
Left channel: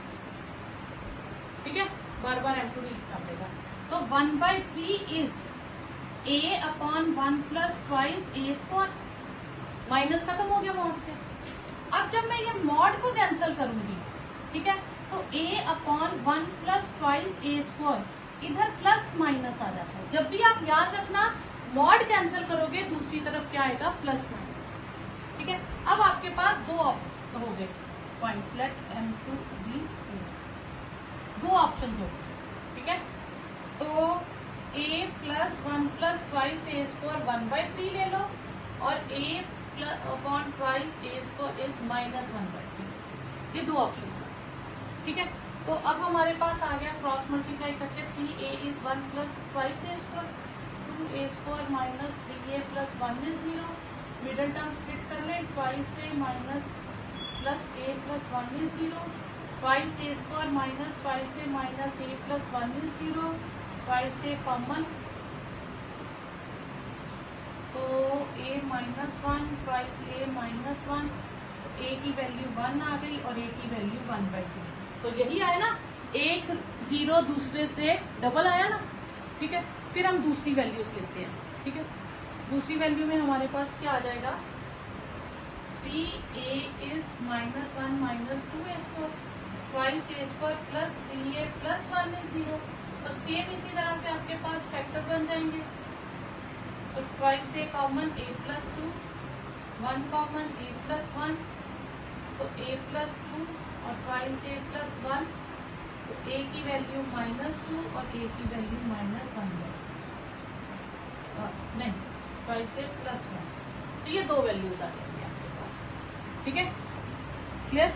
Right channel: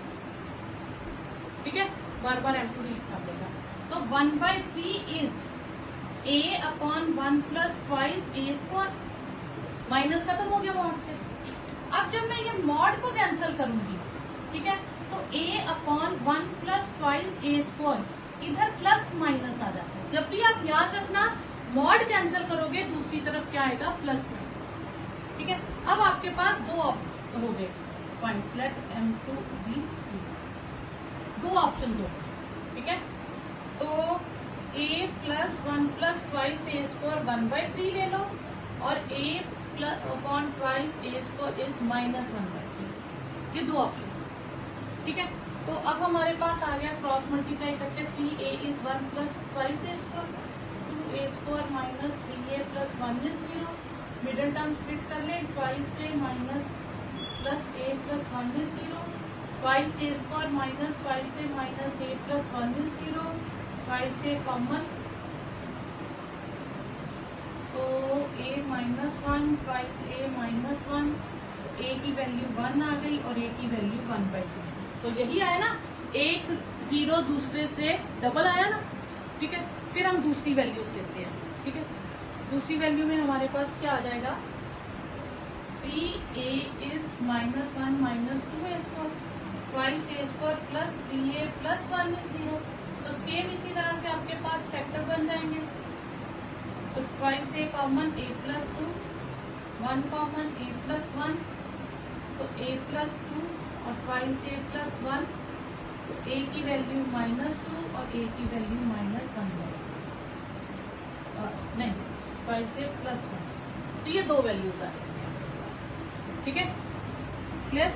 ठीक है, बार बार m2 लिखना पड़ेगा। तो 1/3 is a upon 1 plus twice a square, minus खत्म हो गया मॉड से। अब जब मैं ये मॉड को कैंसिल करूंगी, ठीक है, तो a upon 1 plus twice a square, इधर प्लस माइनस आ जाता है। जब भी आप याद रखना मॉड कैंसिल करोगे दूसरी तरफ क्या आएगा, प्लस माइनस, ठीक है। अब आपके पास दो हो गए points, late m2 be 2 option हो गए, ठीक है। तो a plus 1 plus twice a square 1/3 ले लो, और a plus upon twice a square is minus 1/3, ये दो ऑप्शन है, ठीक है। तो अब हमारे पास आ गया क्रॉस मल्टीप्लाई करके 3a is 1 plus twice a square, 2a square minus 3a plus 1 is 0, middle term split कर लें, twice a minus plus a plus 1 is 0, twice a square minus twice a minus a plus 1 is 0, twice a common, तो a minus 1 twice a minus 1, a की value 1 आ गई और a की value 1/2, तो यही आया ना, एक 0 दूसरे से डबल आया ना, ठीक है। फिर हम दूसरी वैल्यूज लेते हैं, ठीक है। दूसरी वैल्यू में हमारे पास क्या आ जाएगा, 3a is minus 1 minus 2a square, twice a square plus 3a plus 1 is 0, तो सेम इसी तरह से आपके पास फैक्टर बन जाएंगे, तो twice a common a plus 2, 1 common a plus 1, तो a प्लस 2 और ट्वाइस a प्लस 1, तो a की वैल्यू माइनस 2 और a की वैल्यू माइनस 1, नहीं ट्वाइस a प्लस 1, तो ये दो वैल्यूज आ जाएंगे आपके पास, ठीक है, क्लियर?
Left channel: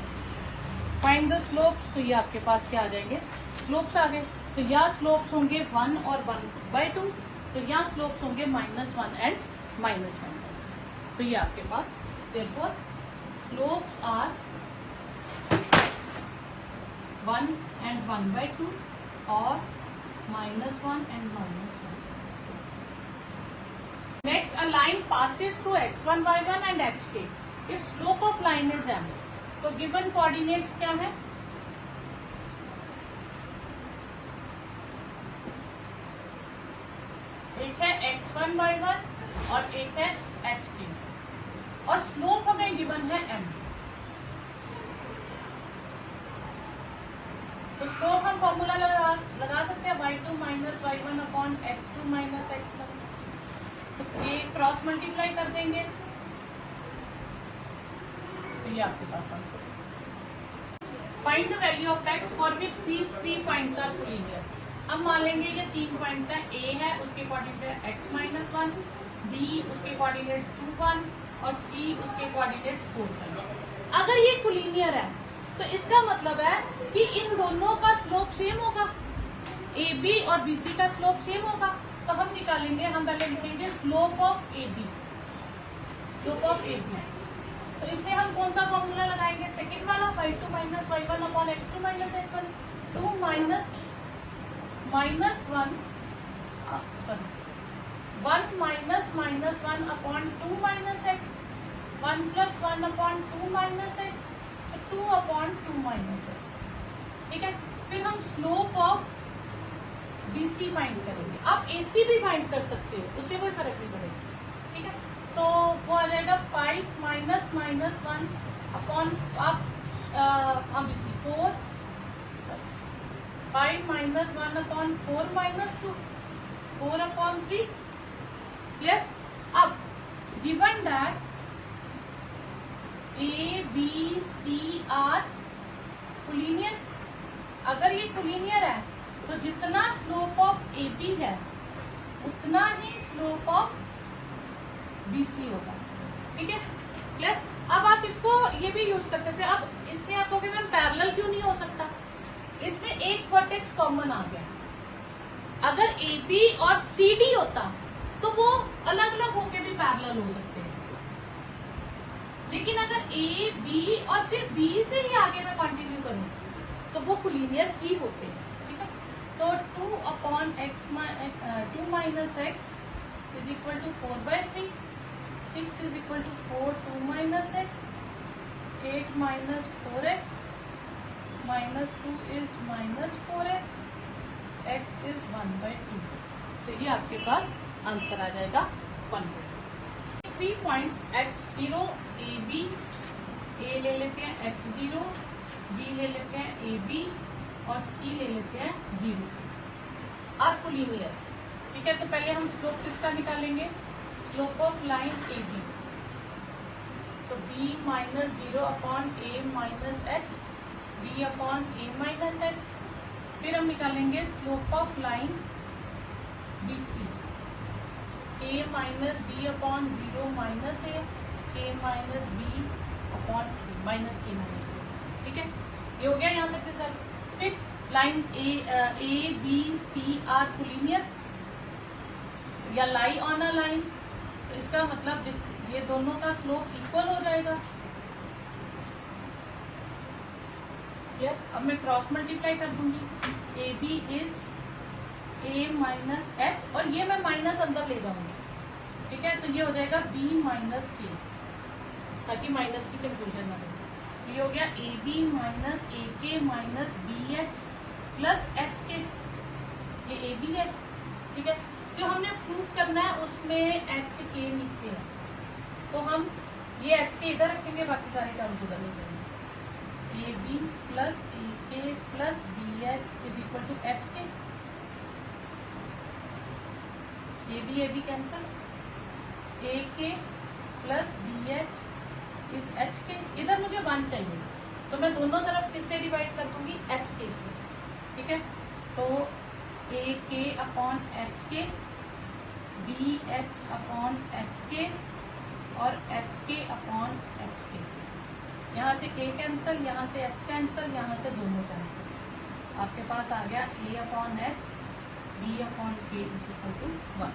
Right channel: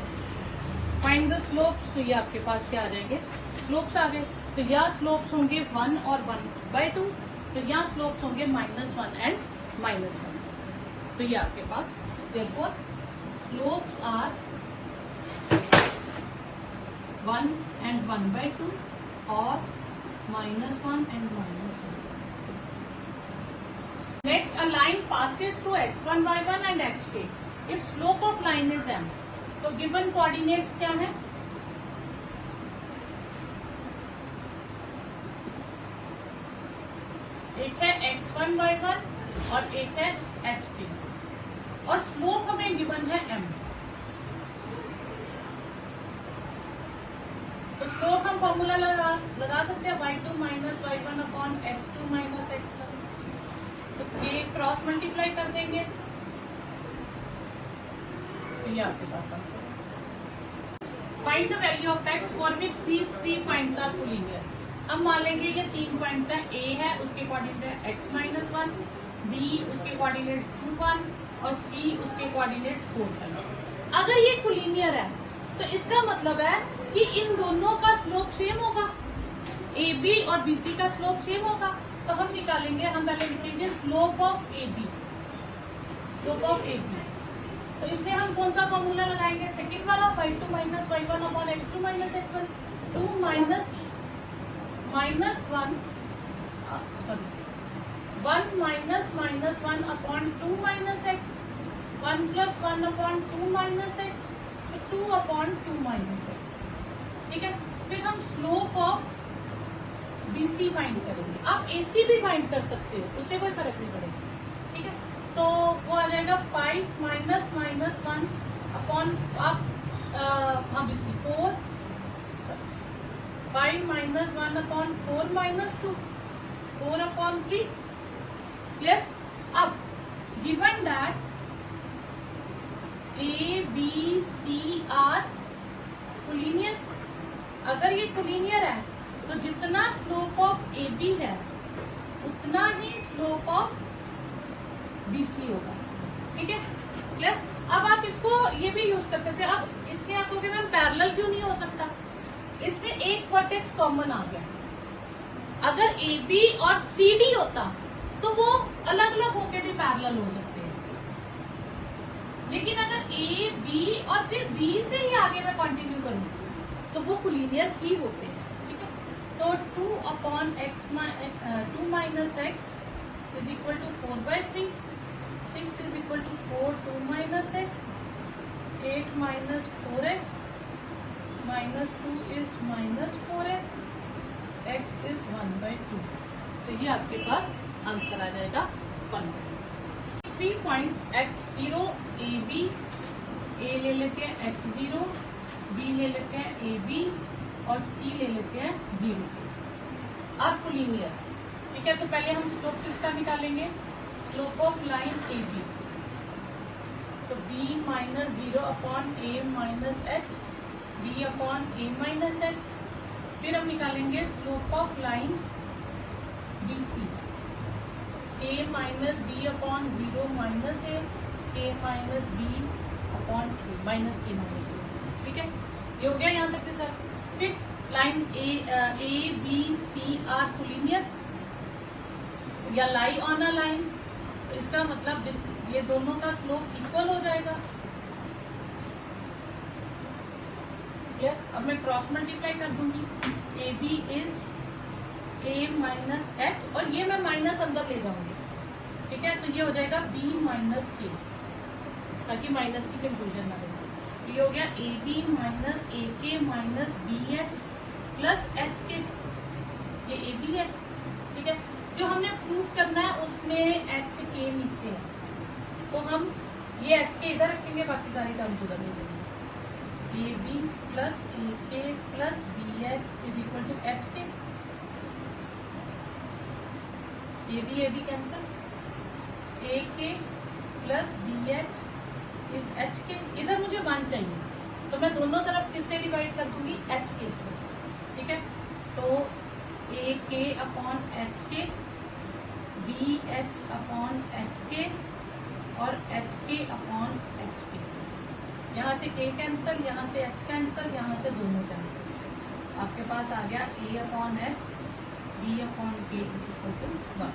फाइंड द स्लोप्स, तो ये आपके पास क्या आ जाएंगे, स्लोप्स आ गए। तो या स्लोप्स होंगे 1 और 1/2, तो या स्लोप्स होंगे -1 एंड -1, तो ये आपके पास देयरफॉर स्लोप्स आर 1 and 1/2 और -1 and -1. Next, a line passes through x1, y1 and x2. Its slope of line is m. तो given coordinates क्या है, एक है x1, y1 और एक है x2, और स्लोप हमें गिवन है m। तो स्लोप हम फॉर्मूला लगा सकते हैं y2 minus y1 upon x2 minus x1, तो ये क्रॉस मल्टीप्लाई कर देंगे, तो ये आपके पास आंसर है। Find the value of x for which these 3 points are collinear. हम मान लेंगे ये 3 पॉइंट्स हैं, a है उसके कोऑर्डिनेट x माइनस 1, b उसके कोऑर्डिनेट्स 2 1 और c उसके कोऑर्डिनेट्स 4 1। अगर ये कोलिनियर है तो इसका मतलब है कि इन दोनों का स्लोप सेम होगा, AB और BC का स्लोप सेम होगा। तो हम निकालेंगे, हम पहले लिखेंगे slope of AB, slope of AB। तो इसमें हम कौन सा फॉर्मूला लगाएंगे, सेकेंड वाला, y2 minus y1 upon x2 minus x1, 2 minus 1 sorry 1 minus -1 upon 2 minus x, 1 plus 1 upon 2 minus x, 2 upon 2 minus x, ठीक है। फिर हम स्लोप ऑफ BC फाइंड करेंगे, आप AC भी फाइंड कर सकते हो, उससे कोई फर्क नहीं पड़ेगा, ठीक है। तो वो आ जाएगा 5 minus -1 upon BC 4, 5 minus 1 upon 4 minus 2, 4/3. Clear? अब given that A, B, C are collinear, अगर ये कोलिनियर है तो जितना स्लोप ऑफ AB है उतना ही स्लोप ऑफ BC होगा. ठीक है, क्लियर? अब आप इसको ये भी यूज कर सकते हैं. अब इसमें आप कहोगे मैम पैरेलल क्यों नहीं हो सकता? इसमें एक वर्टेक्स कॉमन आ गया. अगर AB और CD होता तो वो अलग अलग होते थे, पैरेलल हो सकते हैं. लेकिन अगर A, B और फिर B से ही आगे मैं कंटिन्यू करूं तो वो कोलिनियर ही होते हैं. ठीक है, तो 2/x 2 minus x is equal to 4/3. 6 is equal to 4 2 minus x. 8 minus 4x minus 2 is minus 4x. x is 1/2. तो ये आपके पास आंसर आ जाएगा 1/2. 3 पॉइंट्स x0 AB. A ले लेते हैं h0, B ले लेते हैं AB और C ले लेते हैं 0. अब कोलिनियर. ठीक है, तो पहले हम स्लोप किसका निकालेंगे? Slope of line AB. तो B minus 0/A minus h, B/A minus h. फिर हम निकालेंगे slope of line BC. A minus B/0 minus A minus B/A minus A minus B. ठीक है, ये हो गया यहाँ तक के सर. फिर line A B C are collinear या लाई ऑन अ लाइन. तो इसका मतलब ये दोनों का स्लोप इक्वल हो जाएगा. क्लियर? अब मैं क्रॉस मल्टीप्लाई कर दूंगी. AB is A minus H और ये मैं माइनस अंदर ले जाऊंगी. ठीक है, तो ये हो जाएगा B माइनस K, ताकि माइनस की कंफ्यूजन ना हो. ये हो गया AB minus AK minus BH plus HK. ये AB है. ठीक है, जो हमने प्रूव करना है उसमें HK नीचे है, तो हम ये HK इधर रखेंगे, बाकी सारी टर्म्स उधर ले लेंगे. AB plus AK plus BH is equal to HK. AB cancel. AK plus BH is HK. इधर मुझे 1 चाहिए, तो मैं दोनों तरफ किससे डिवाइड कर दूंगी? HK से. ठीक है, तो AK/HK, BH/HK और HK/HK. यहाँ से K कैंसल, यहाँ से H कैंसल, यहाँ से दोनों कैंसल. आपके पास आ गया A/H, B/K is equal to 1.